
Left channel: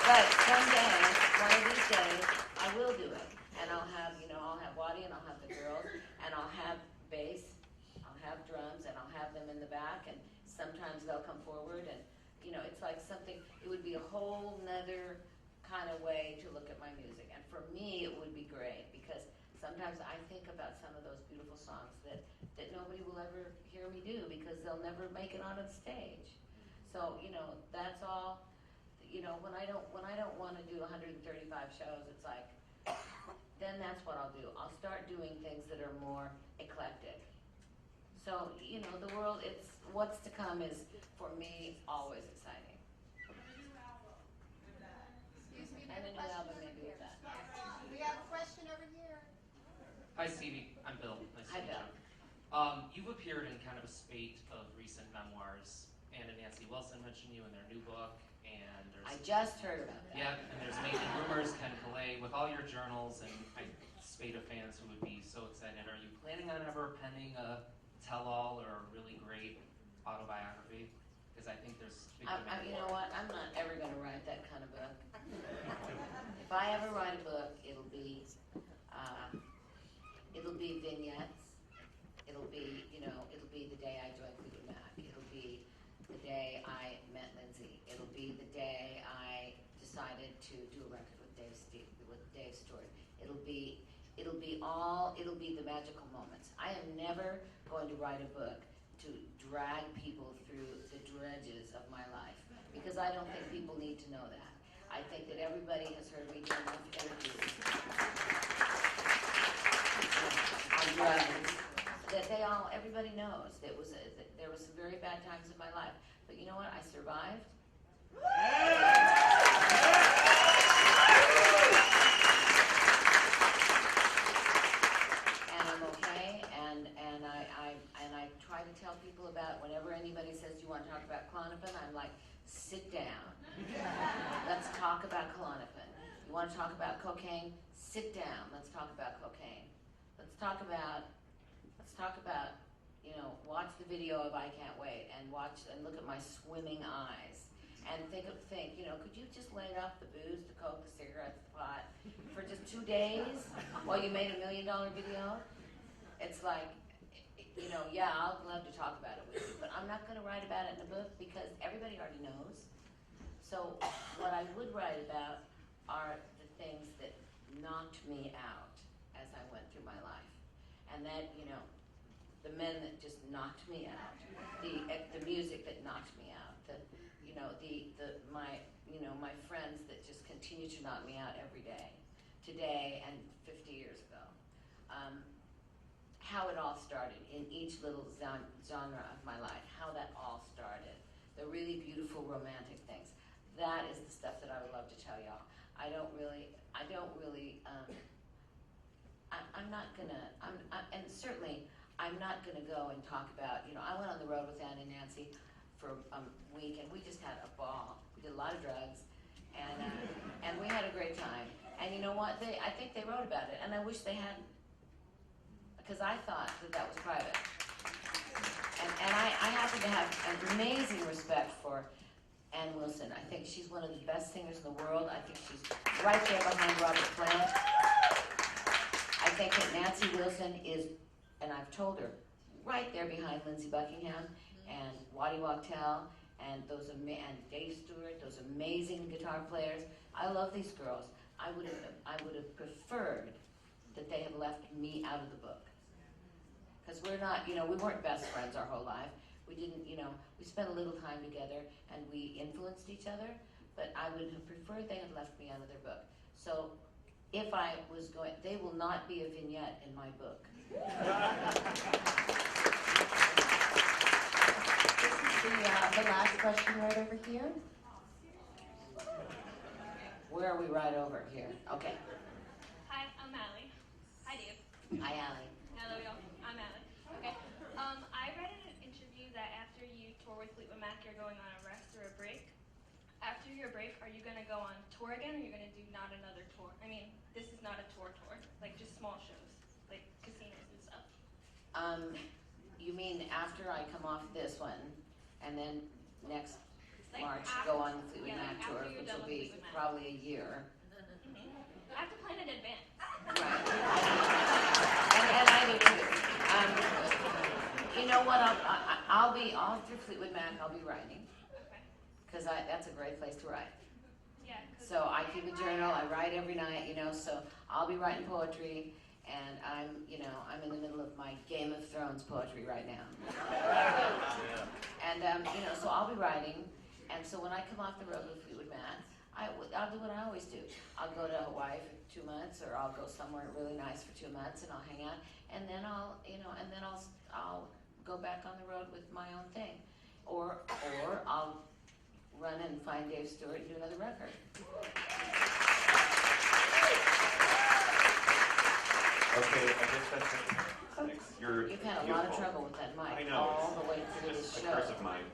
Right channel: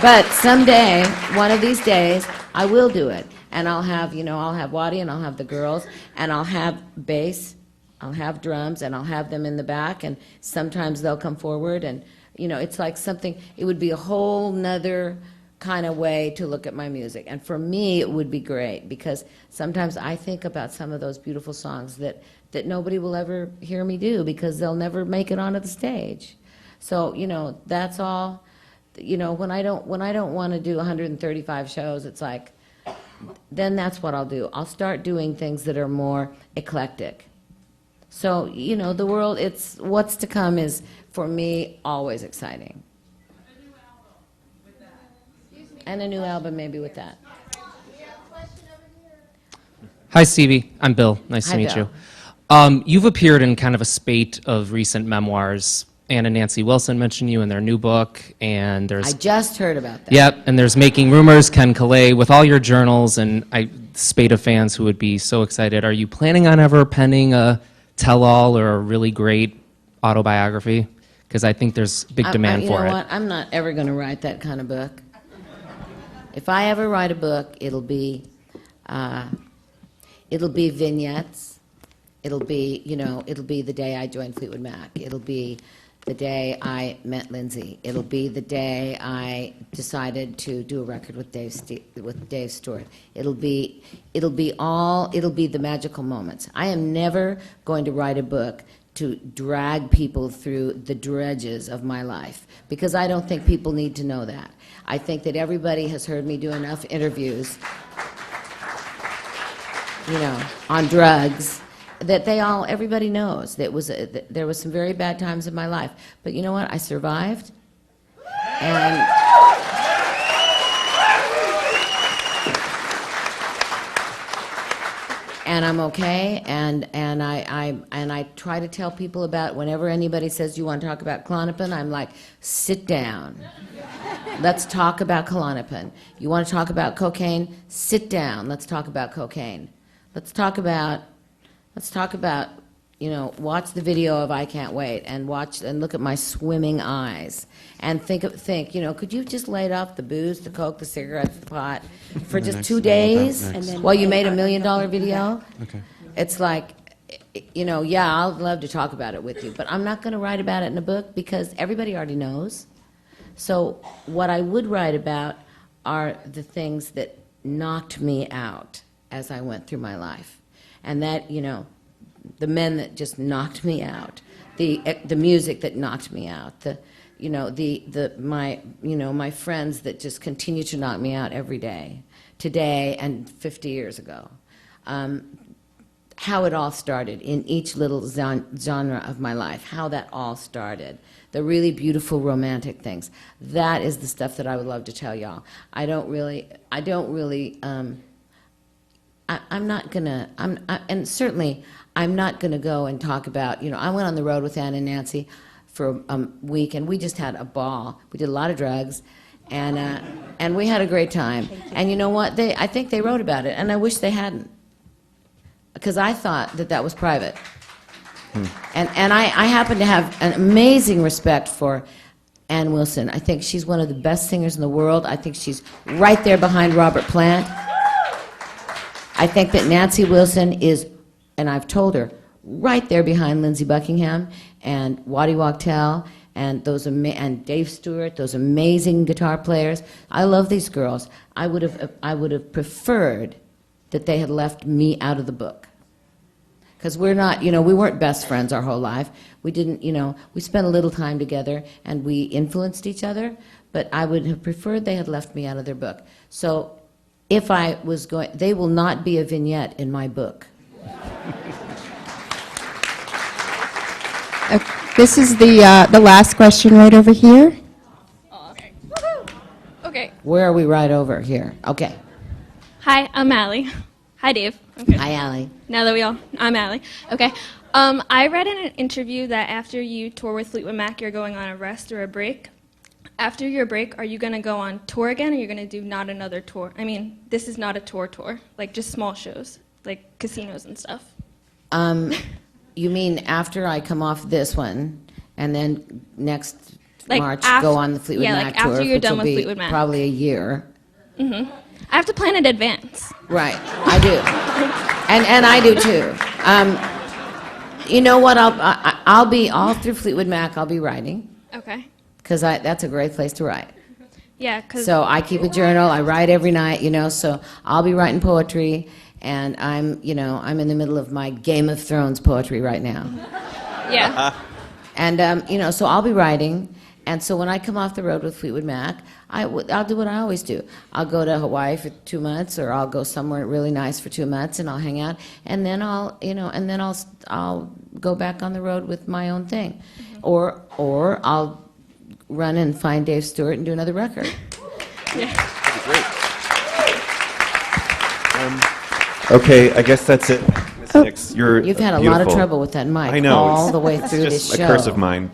But someday, one of these days, I will do it. And I'll have, you know, I'll have Waddy and I'll have the girls and I'll have bass, I'll have drums and I'll have them in the back and sometimes they'll come forward and, you know, it's like something, it would be a whole nother kind of way to look at my music. And for me, it would be great because sometimes I think about some of those beautiful songs that nobody will ever hear me do because they'll never make it onto the stage. So, you know, that's all, you know, when I don't want to do 135 shows, it's like, then that's what I'll do. I'll start doing things that are more eclectic. So, you know, the world, it's, what's to come is, for me, always exciting. And a new album maybe with that. Hi, Stevie. I'm Bill. Nice Hi, to meet Bill. you. You've appeared in kind of a spate of recent memoirs. Ann and Nancy Wilson mentioned you in their new book, and there's... I just heard about that. Yep, and there's Making Rumors, Ken Calais, with all your journals, and spate of fans who would be so excited. Are you planning on ever penning a tell-all or a really great autobiography? Because I think there's big demand for it. You know what? I'm not ever going to write that kind of book. If I ever write a book, it'll be vignettes. It'll be, you know, it'll be the day I joined Fleetwood Mac. It'll be the day I met Lindsay. It'll be the day I decided to do a record with Dave Stewart. It'll be the magical moments. I am never going to write a book to drag people through the dredges of my life because I don't think people need to know that. I think that everybody has heard me do enough interviews, you know, on drugs, that everybody knows that there was some very bad times in my life. But you know what? I survived. And I'm okay, and I try to tell people about, whenever anybody says, you want to talk about Klonopin, I'm like, sit down. Let's talk about Klonopin. You want to talk about cocaine? Sit down. Let's talk about cocaine. Let's talk about watch the video of I Can't Wait and watch and look at my swimming eyes and think, could you just laid off the booze, the coke, the cigarettes, the pot for just 2 days while you made $1 million video? Okay. It's like, yeah, I'll love to talk about it with you, but I'm not going to write about it in a book because everybody already knows. So what I would write about are the things that knocked me out as I went through my life. And that, the men that just knocked me out, the music that knocked me out, my friends that just continue to knock me out every day, today and 50 years ago. How it all started in each little genre of my life, how that all started. The really beautiful romantic things. That is the stuff that I would love to tell y'all. And certainly I'm not gonna go and talk about, I went on the road with Ann and Nancy for a week and we just had a ball. We did a lot of drugs and we had a great time. And you know what, I think they wrote about it and I wish they hadn't. Because I thought that was private. And I happen to have an amazing respect for Ann Wilson. I think she's one of the best singers in the world. I think she's right there behind Robert Plant. I think that Nancy Wilson is, and I've told her, right there behind Lindsey Buckingham and Waddy Wachtel and and Dave Stewart, those amazing guitar players. I love these girls. I would have preferred that they had left me out of the book. Because we're not, we weren't best friends our whole life. We didn't, we spent a little time together and we influenced each other, but I would have preferred they had left me out of their book. So if I was going, they will not be a vignette in my book. This is the last question right over here. Oh, okay. Woohoo! Okay. Where are we right over here? Okay. Hi, I'm Allie. Hi, Dave. Okay. Hi, Allie. Now that I'm Allie. Okay. I read in an interview that after you tour with Fleetwood Mac, you're going on a rest or a break. After your break, are you going to go on tour again, or you're going to do not another tour? I mean, this is not a tour, like just small shows, like casinos and stuff. You mean after I come off this one, and then next Like March af- go on the Fleetwood yeah, Mac like tour, after you're which done will with be Fleetwood Mac. probably a year. I have to plan in advance. Right, I do, and I do too. You know what? I'll be all through Fleetwood Mac. I'll be writing Okay. because that's a great place to write. Yeah, because So I keep a journal. I write every night. So I'll be writing poetry, and I'm in the middle of my Game of Thrones poetry right now. yeah. And so I'll be writing, and so when I come off the road with Fleetwood Mac, I'll do what I always do. I'll go to Hawaii for 2 months, or I'll go somewhere really nice for 2 months, and I'll hang out, and then I'll go back on the road with my own thing, or I'll run and find Dave Stewart and do another record. Okay, I guess that's it. Ms. Nicks, you're You've had a lot of beautiful. trouble with that mic I know, all it's- the way It's through just this show. a curse of mine.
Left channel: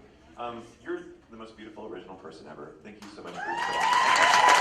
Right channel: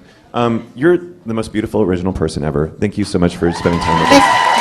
You're the most beautiful original person ever. Thank you so much for spending time with us.